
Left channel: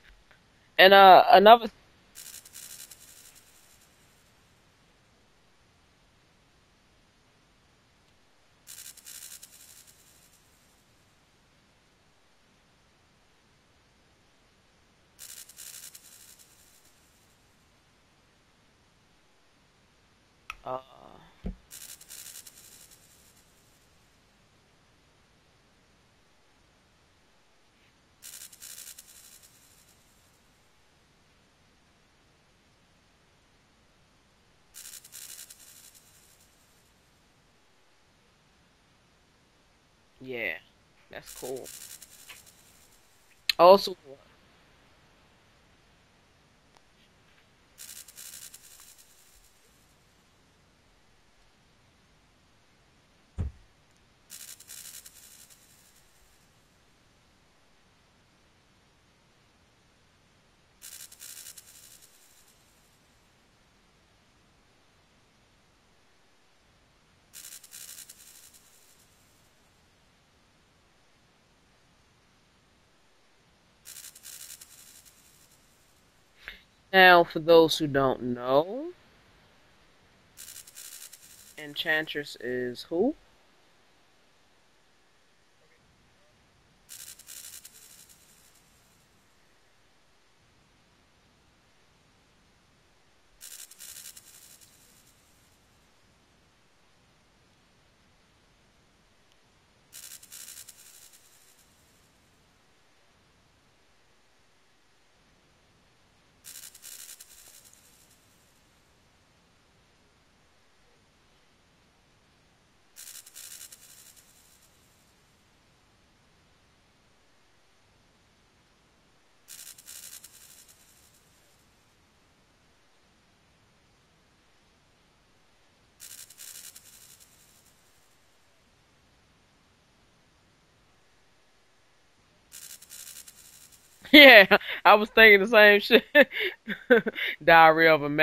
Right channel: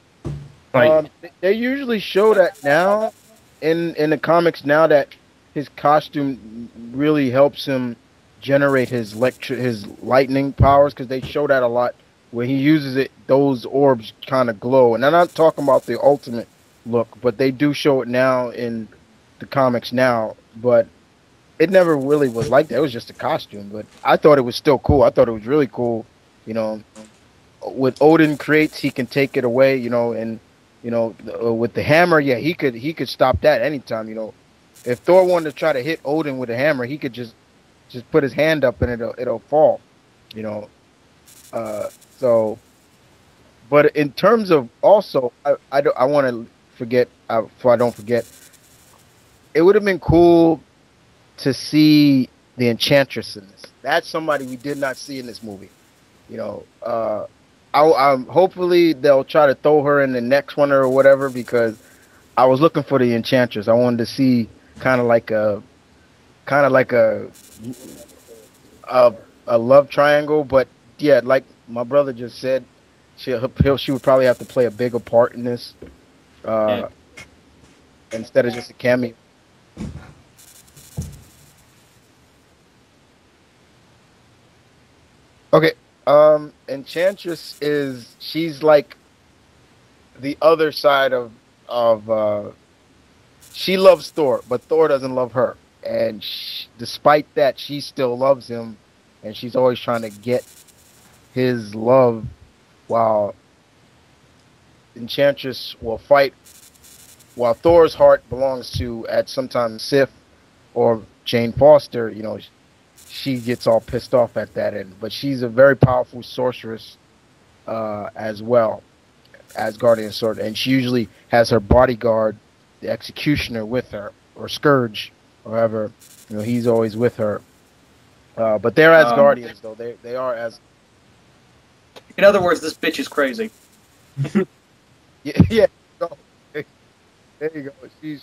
Like And They another. usually show that now in the comics now that his costume really helps him generate his lightning powers because they show that a lot. When he uses it, those orbs kind of glow. And I'm not talking about the ultimate look, but they do show it now in the comics now. But it never really was like that. It was just a costume. But I thought it was still cool. I thought it was really cool. You know, what Odin creates, he can take it away. And with the hammer, yeah, he could stop that anytime. If Thor wanted to try to hit Odin with a hammer, he could just put his hand up and it'll fall. You Yeah, know, that's cool. so. Also, But in terms of also, I want to forget before I don't forget. It would have been cool to see the Enchantress in this. That's somebody we did not see in this movie. You know, I'm hopefully they'll try to throw her in the next one or whatever because I was looking for the Enchantress. I wanted to see kind of like a a love triangle, but yeah, like my brother just said, she would probably have to play a bigger part in this yeah. now for those who don't instead of just a know, cameo. Enchantress is who? Okay, Enchantress she's like the other side of she loves Thor, but Thor doesn't love her, and despite that, she still loves him, and she's always trying to get his love while Enchantress will fight while Thor's heart belongs to at sometimes Sif or Jane Foster. She gets all pissed off at that end, but she's a very powerful sorceress as well as Guardian Sword, and she usually has her bodyguard, the Executioner, with her, or Scourge, or whoever. He's always with her. But they're as Um, Guardians, though. They are as in other words, this bitch is crazy. Yeah, I was thinking the yeah. same shit. No, Diary of a she's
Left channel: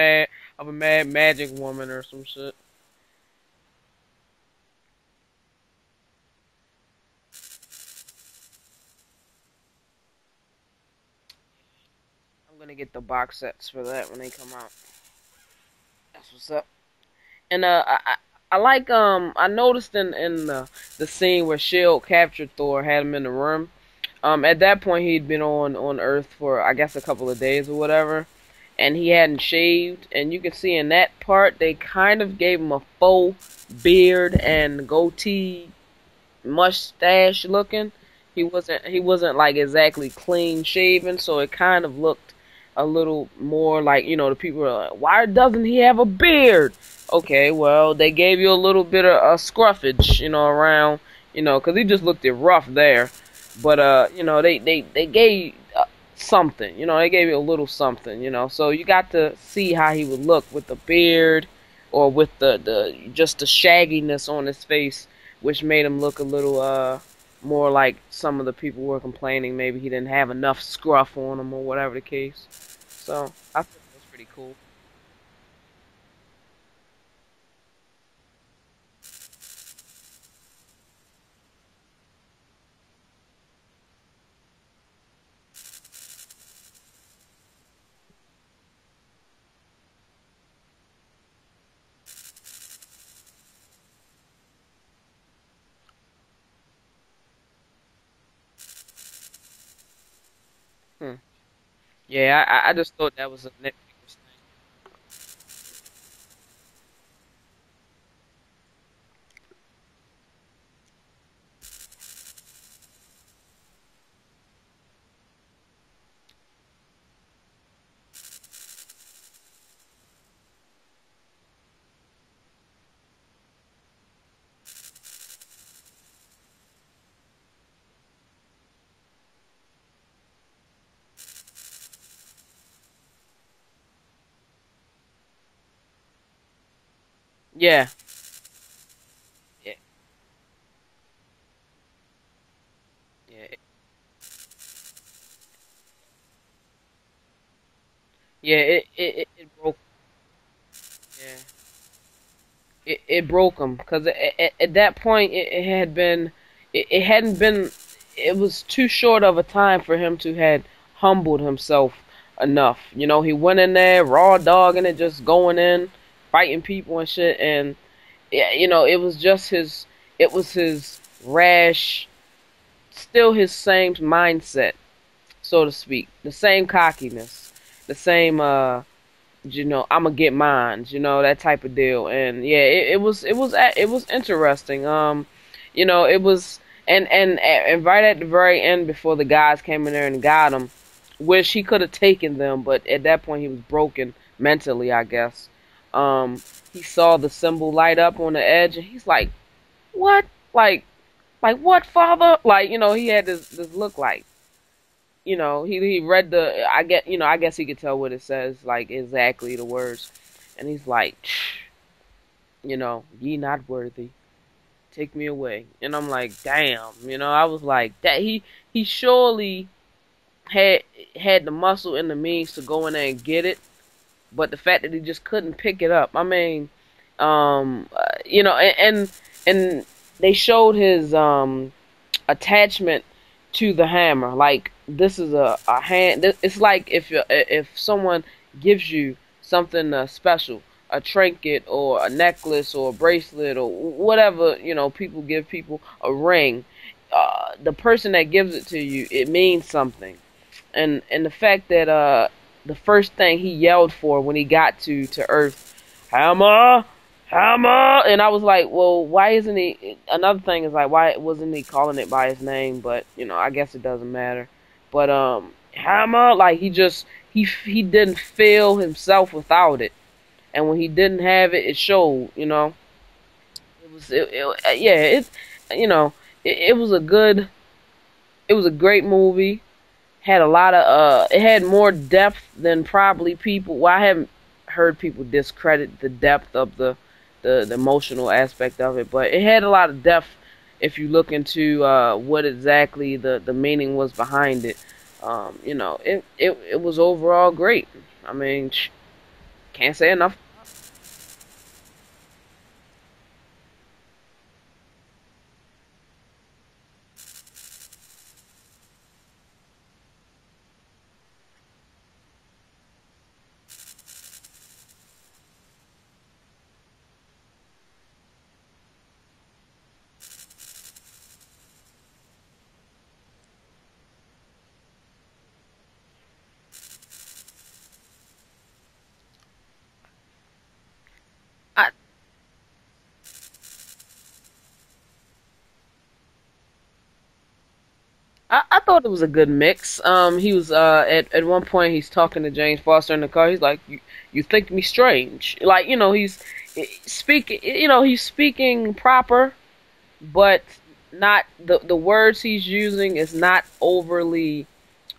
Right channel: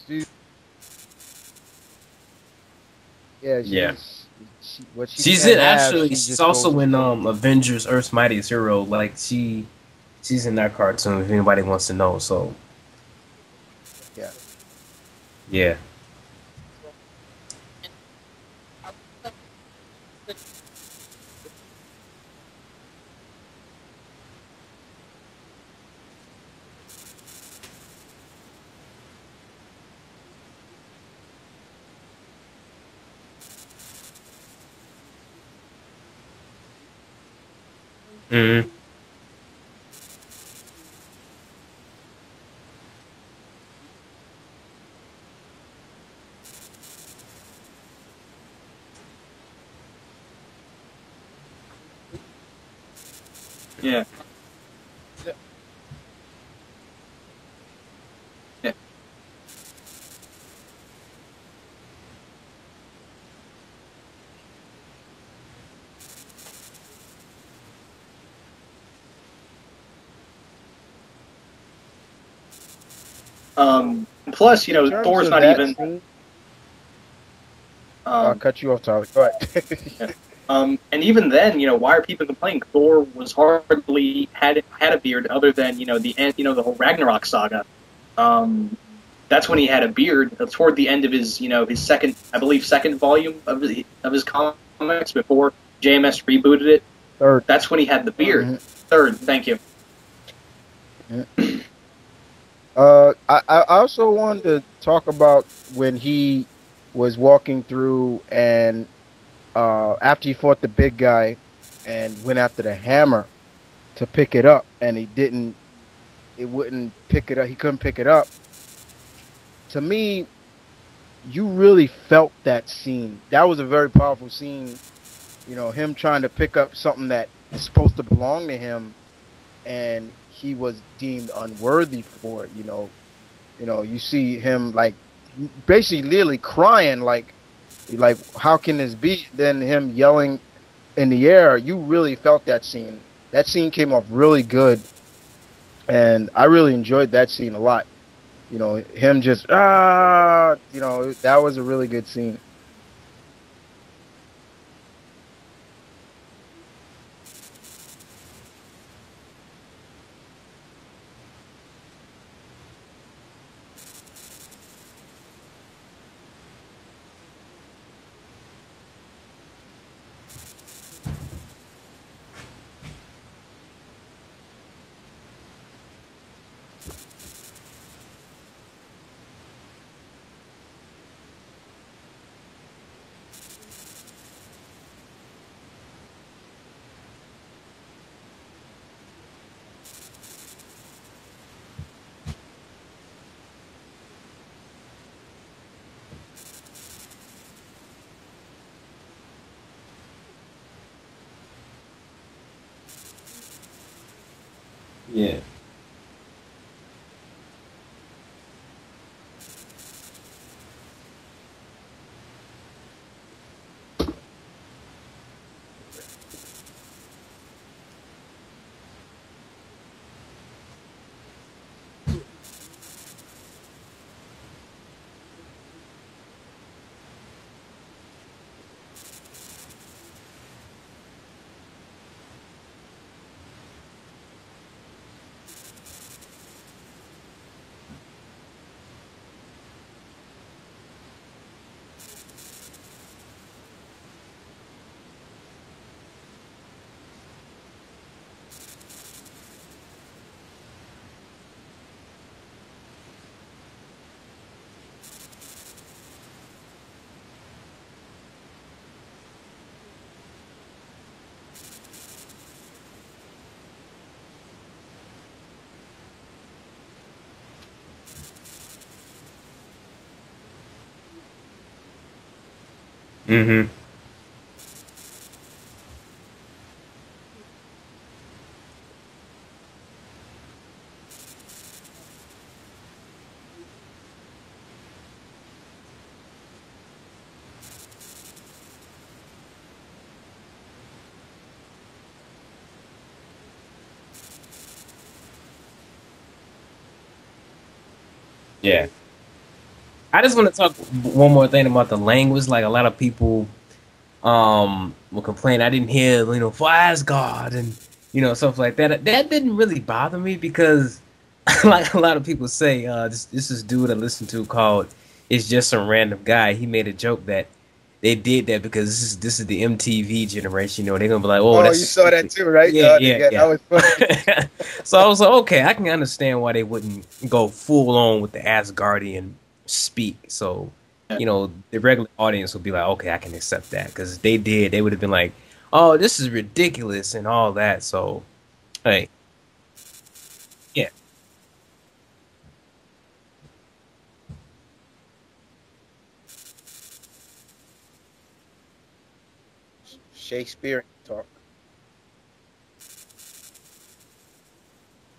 mad magic woman or some shit. yeah, yeah. she's what she She's can't in have, actually. she She's just goes also and in takes. Avengers: Earth's Mightiest Hero. Like she's in that cartoon. If anybody wants to know, so I'm gonna get the box sets for that when they Yeah. come out. yeah. That's what's up. And I like I noticed in the scene where Shield captured Thor, had him in the room. At that point he'd been on Earth for I guess a couple of days or whatever, and he hadn't shaved. And you can see in that part they kind of gave him a faux beard and goatee mustache looking. Hmm. He wasn't like exactly clean shaven, so it kind of looked a little more like, the people are like, why doesn't he have a beard? Okay, well, they gave you a little bit of a scruffage, around, because he just looked it rough there. But Yeah. they gave something, they gave you a little something, so you got to see how he would look with the beard or with the just the shagginess on his face, which made him look a little more like some of the people were complaining maybe he didn't have enough scruff on him or whatever the case. So I thought it was pretty cool. Plus, In terms Thor's of not that even. scene, I'll Um, cut you off, Tyler. Go ahead. yeah. And even then, why are people complaining? Thor was hardly had a beard other than the end, the whole Ragnarok saga. Um, that's when he had a beard. Toward the end of his, his second, I believe, second volume of his comics before JMS rebooted it. Third. That's when he had the beard. Hmm. Third, thank you. Hmm. Yeah, I just thought that was a I thing. also wanted to talk about when he was walking through and after he fought the big guy and went after the hammer to pick it up and it wouldn't pick it up. He couldn't pick it up. To me, you really felt that scene. That was a very powerful scene. Him trying to pick up something that is supposed to belong to him and he was deemed unworthy for it. You see him like basically literally crying Yeah, like how can this be? Then him yelling in the air, you really felt that scene. That scene came off really good, and I really enjoyed that scene a lot. yeah, Him just broke him. that was a really good scene. It broke him because at that point it had been it hadn't been it was too short of a time for him to had humbled himself enough. He went in there raw dogging it, just going in, fighting people and shit, and yeah, it was his rash, still his same mindset, so to speak, the same cockiness, the same I'm gonna get mines, that type of deal. And yeah, it was interesting. It was and right at the very end before the guys came in there and got him, wish he could have taken them, but at that point he was broken mentally, I guess. He saw the symbol light up on the edge and he's like, "What? Like what, father?" Like, he had this look like, Yeah. he read I guess he could tell what it says, like exactly the words, and he's like, ye not worthy, take me away. And I'm like, damn, I was like, that he surely had had the muscle and the means to go in there and get it, but the fact that he just couldn't pick it up. I mean, and they showed his attachment to the hammer. Like, this is a hand. It's like if someone gives you something special, a trinket or a necklace or a bracelet or whatever, people give people a ring. The person that gives it to you, it means something. And the fact that the first thing he yelled for when he got to Earth, hammer, hammer, and I was like, well, why isn't he? Another thing is like, why wasn't he calling it by his name? But I guess it doesn't matter. But hammer, like he didn't feel himself without it, and when he didn't have it, it showed. Hmm. Yeah, you know it was a good, it was a great movie. Had a lot of it had more depth than probably people, well, I haven't heard people discredit the depth of the emotional aspect of it, but it had a lot of depth if you look into what exactly the meaning was behind it. It was overall great. I mean, Yeah. can't say I just enough. want to talk one more thing about the language. Like a lot of people will complain I didn't hear, for Asgard and stuff like that. That didn't really bother me because, like a lot of people say, this is dude I listened to called "It's Just Some Random Guy." He made a joke that they did that because this is the MTV generation. They're gonna be like, "Oh, Oh, that's you saw that stupid." too, right? Yeah, yeah, Yeah, that yeah. was funny. So I was like, okay, I can understand why they wouldn't go full on with the Asgardian speak. So, the I, regular audience would be like, okay, I can accept that because if they did, they would have been like, oh, this is ridiculous and all that. So, I thought it like, was a good mix. He was yeah, at one point he's talking to James Foster in the car. He's like, you think me strange?" Like he's speaking proper, but Shakespeare talk. not the words he's using is not overly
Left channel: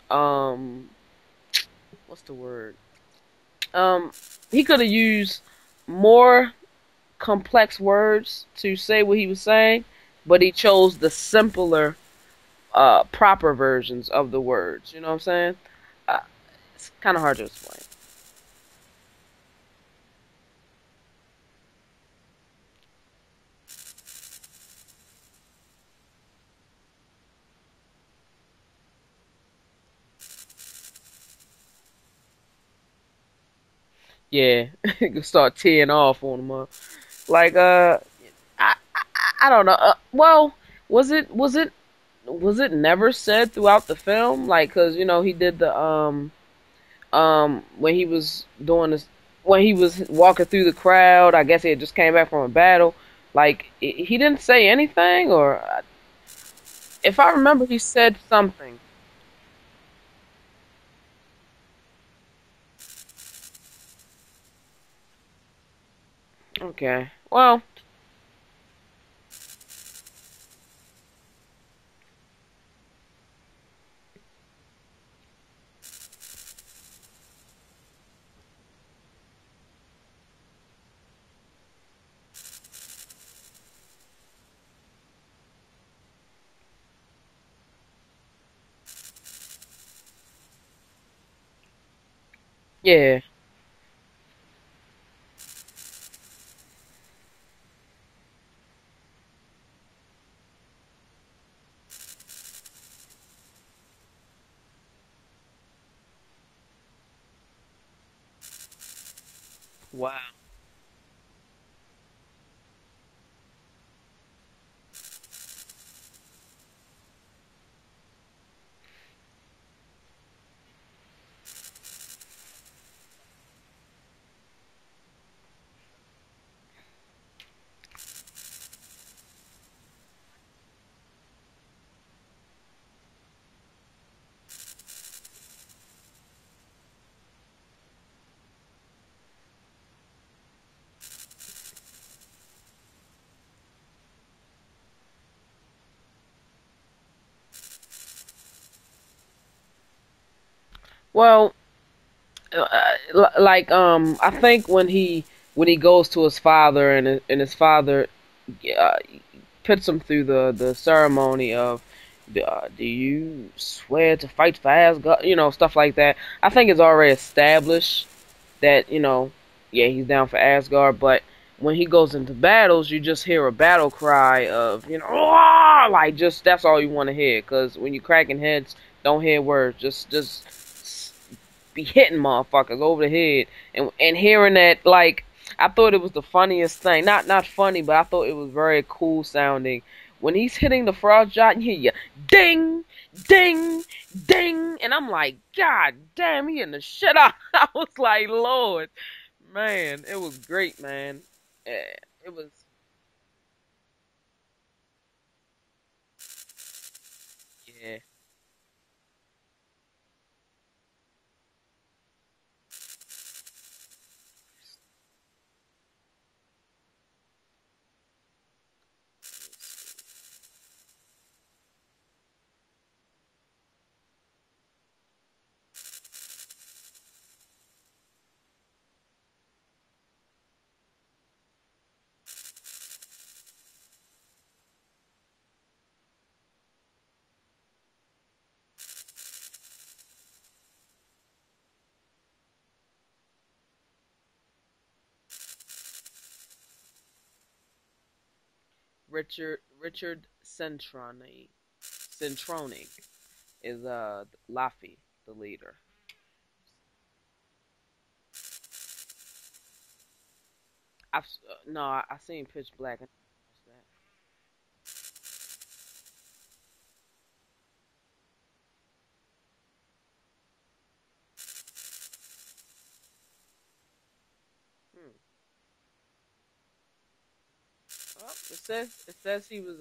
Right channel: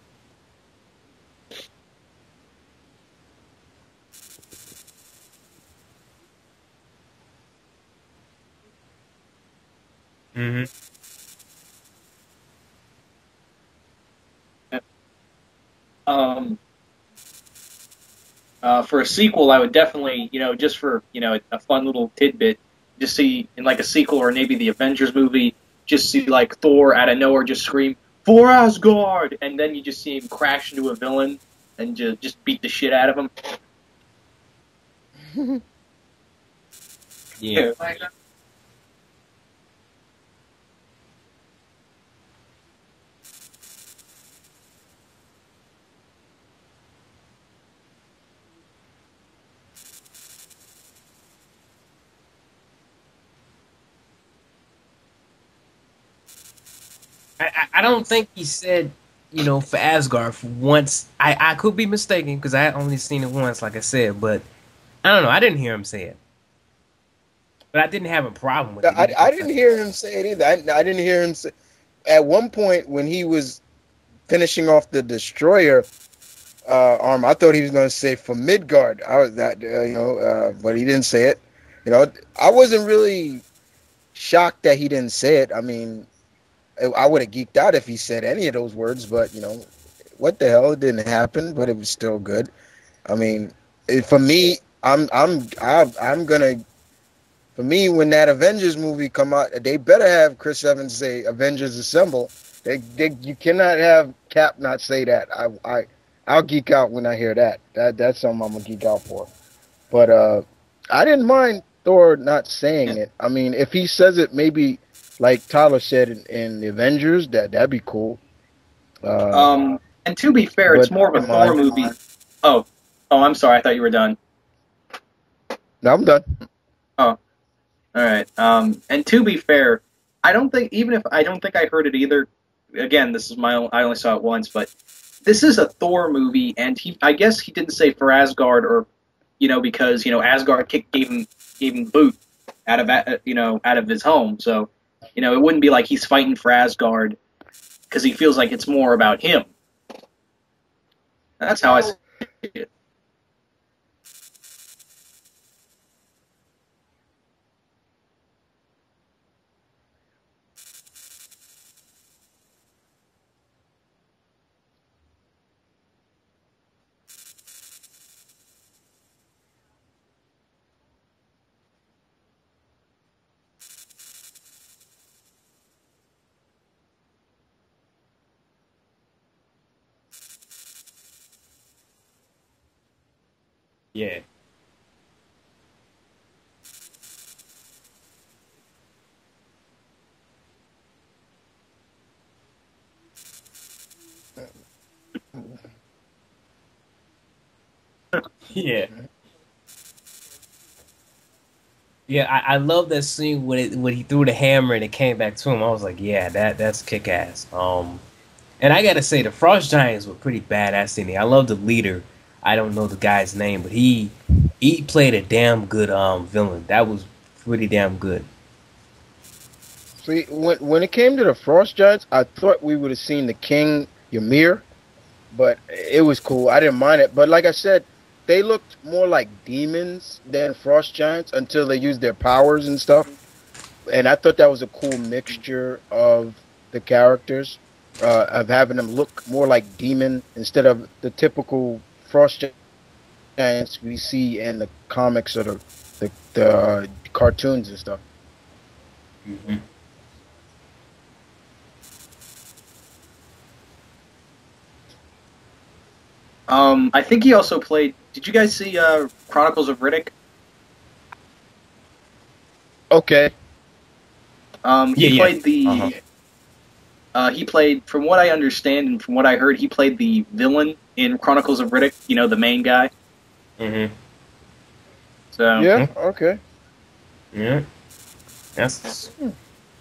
um what's the word? Um, he could have used more complex words to say what he was saying, but he hmm chose the simpler, proper versions of the Yeah. words. You know what I'm saying? Uh, Um, it's kind of hard to explain. for a sequel, I would definitely, just for a fun little tidbit, just see in like a sequel or maybe the Avengers movie, just see like Thor out of nowhere just scream "For Asgard," and then you just see him crash into a villain and just beat the shit out of him. Yeah, start teeing off on him. Like yeah. I don't know. Well, was it was it was it never said throughout the film? Like, cause he did the when he was doing this when he was walking through the crowd. I guess he had just came back from a battle. Like he didn't say anything, or if I I, remember, I he I don't said think he something. said, for Asgard for once. I could be mistaken because I had only seen it once, like I said, but I don't know. I didn't hear him say it, Okay, well, but I didn't have a problem with it I, either. I 'Cause didn't hear him say it either. I didn't hear him say. At one point, when he was finishing off the destroyer arm, I thought he was going to say for Midgard. I was that, but he didn't say it. You know, I wasn't really shocked that he didn't say it. I mean, I would have geeked out if he said any of those words, but what the hell? It didn't happen, but it was still good. I yeah. mean, for me, I'm gonna. For me, when that Avengers movie come out, they better have Chris Evans say "Avengers Assemble." You cannot have Cap not say that. I'll geek out when I hear that. That's something I'm gonna geek out for. But Well, I didn't mind Thor not saying it. I mean, if he says it, maybe like Tyler said in the Avengers, that'd be cool. Uh, and to be fair, but it's more of I a didn't Thor mind. movie. Oh, I'm sorry. I thought you were done. No, I'm done. Oh, all right. And to be fair, I don't think even if I don't think I heard it either. Again, this is I only saw it once, but this is a Thor movie, and I guess he didn't say for Asgard or because Asgard gave him boot out of out of his home, so it wouldn't be like he's fighting for Asgard because he feels like it's more about him. Well, That's how I. like I think when he goes to his father and his father uh, puts him through the ceremony of do you swear to fight for Asgard, stuff like that. I think it's already established that yeah, he's down for Asgard, but when he goes into battles you just hear a battle cry of "Roar!" Like, just that's all you want to hear, because when you're cracking heads, don't hear words, just be hitting motherfuckers over the head, and Yeah, hearing that, like, I thought it was the funniest thing. Not funny, but I thought it was very cool sounding. When he's hitting the frost giant, you hear ding, ding, ding, and I'm like, God damn, he in the shit out. I was like, yeah, Lord, man, it was great, man. Yeah, yeah. it was. I love that scene when he threw the hammer and it came back to him. I was like, yeah, that's kick ass. Yeah. And I gotta say, the Frost Giants were pretty badass in there. I love the leader. I don't know the guy's name, but he played a damn good villain. That was pretty damn good. See, when it came to the Frost Giants, I thought we would have seen the King Ymir, but it was cool. I didn't mind it. But like I said, they looked more like demons than Frost Giants until they used their powers and stuff. And I thought that was a cool mixture of the characters, of having them look more like demon instead of the typical Frost Giants we see in the comics or the cartoons and stuff. Hmm. Richard Centrone is Laffy, the leader. I think he also played. Did you guys see Chronicles of Riddick? No, I seen Pitch Black. Okay. He Yeah, yeah. played Uh-huh. the. He played, from what I understand and from what I heard, he played the villain in Chronicles of Riddick. You know, the main guy. Hmm. So Yeah. Okay. Yeah. Well, That's it says he was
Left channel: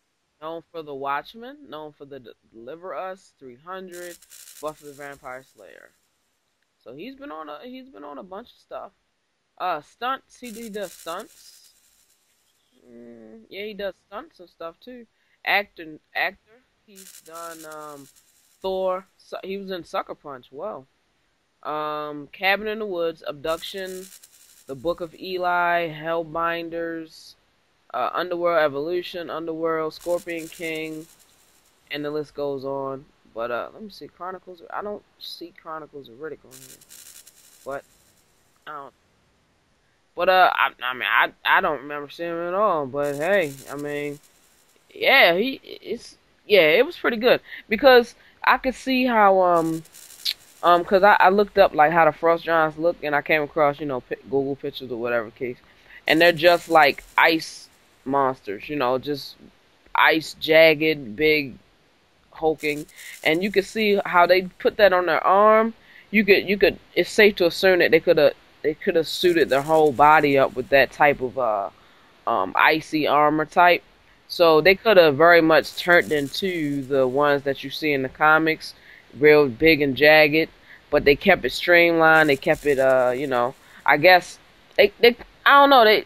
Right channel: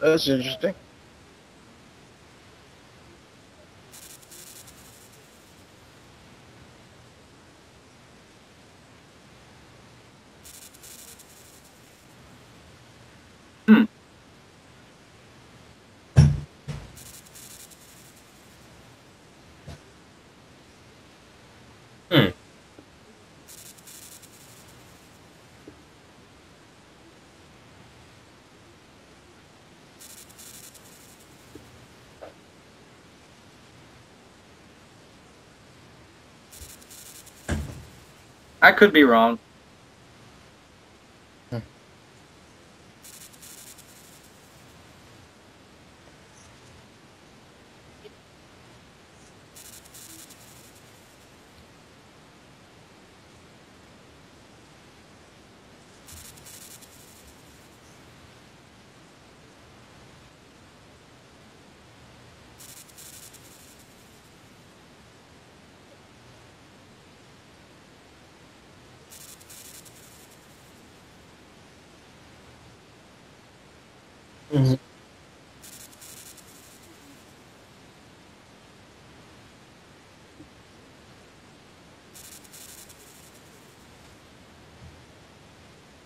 That's known interesting. for The Watchmen, known for the Deliver Us, 300, Buffy the Vampire Slayer. So he's been on a bunch of stuff. Stunts. He does stunts. Yeah, he hmm. does stunts and stuff too. Actor. He's done Thor. He was in Sucker Punch. Whoa. mm. Cabin in the Woods, Abduction, The Book of Eli, Hellbinders, Underworld Evolution, Underworld, Scorpion King, and the list goes on. But let me see, Chronicles. I don't see Chronicles of Riddick on here. But I could be wrong. I mean, I don't remember seeing him at all. But hey, I mean, yeah, it was pretty good because I could see how cause I looked up like how the frost giants look and I came across Google pictures or whatever case, and they're just like ice monsters, just ice jagged, big, hulking, and you could see how they put that on their arm. You could. It's safe to assume that they could have suited their whole body up with that type of icy armor type. So they Mhm. could have very much turned into the ones that you see in the comics, real big and jagged, but they kept it streamlined. They kept it I guess they I don't know,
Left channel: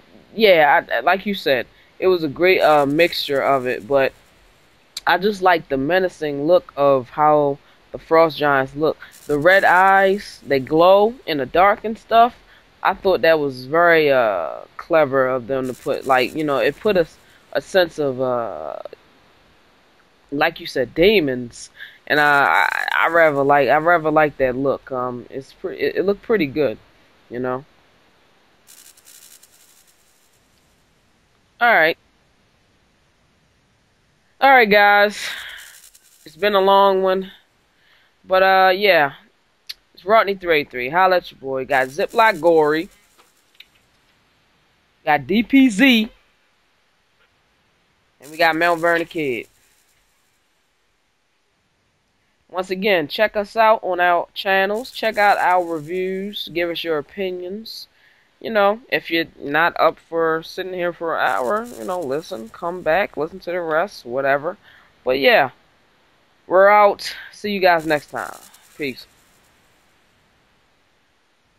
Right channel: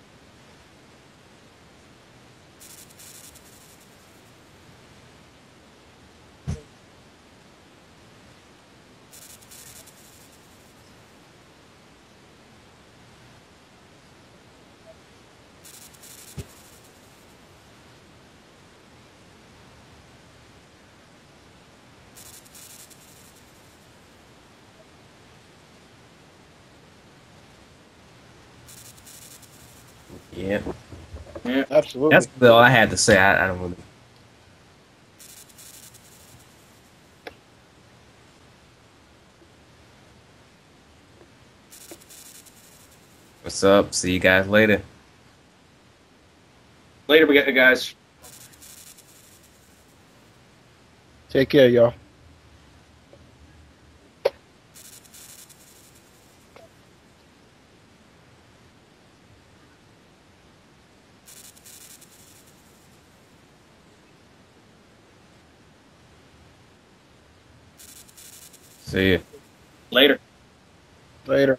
like you said, it was a great mixture of it, but I just like the menacing look of how the frost giants look. The red eyes, they glow in the dark and stuff. I thought that was very clever of them to put, like, it put us a sense of like you said, demons. And I rather like that look. It looked pretty good, you know. Yeah. Yeah. All right. That's Absolutely. all I had to say. I don't really. All right, guys. It's been a long one, but yeah. It's Rodney383. Holla at your boy. Got Zipblockgory. What's up? See you guys later. Got DPZ. Later, we get the guys. And we got TheMtVernonKid. Take care, y'all. Once again, check us out on our channels. Check out our reviews. Give us your opinions. If you're not up for sitting here for an hour, listen, come back, listen to the rest, whatever. But yeah, we're out. See you guys next time. Peace. See you. Later. Later.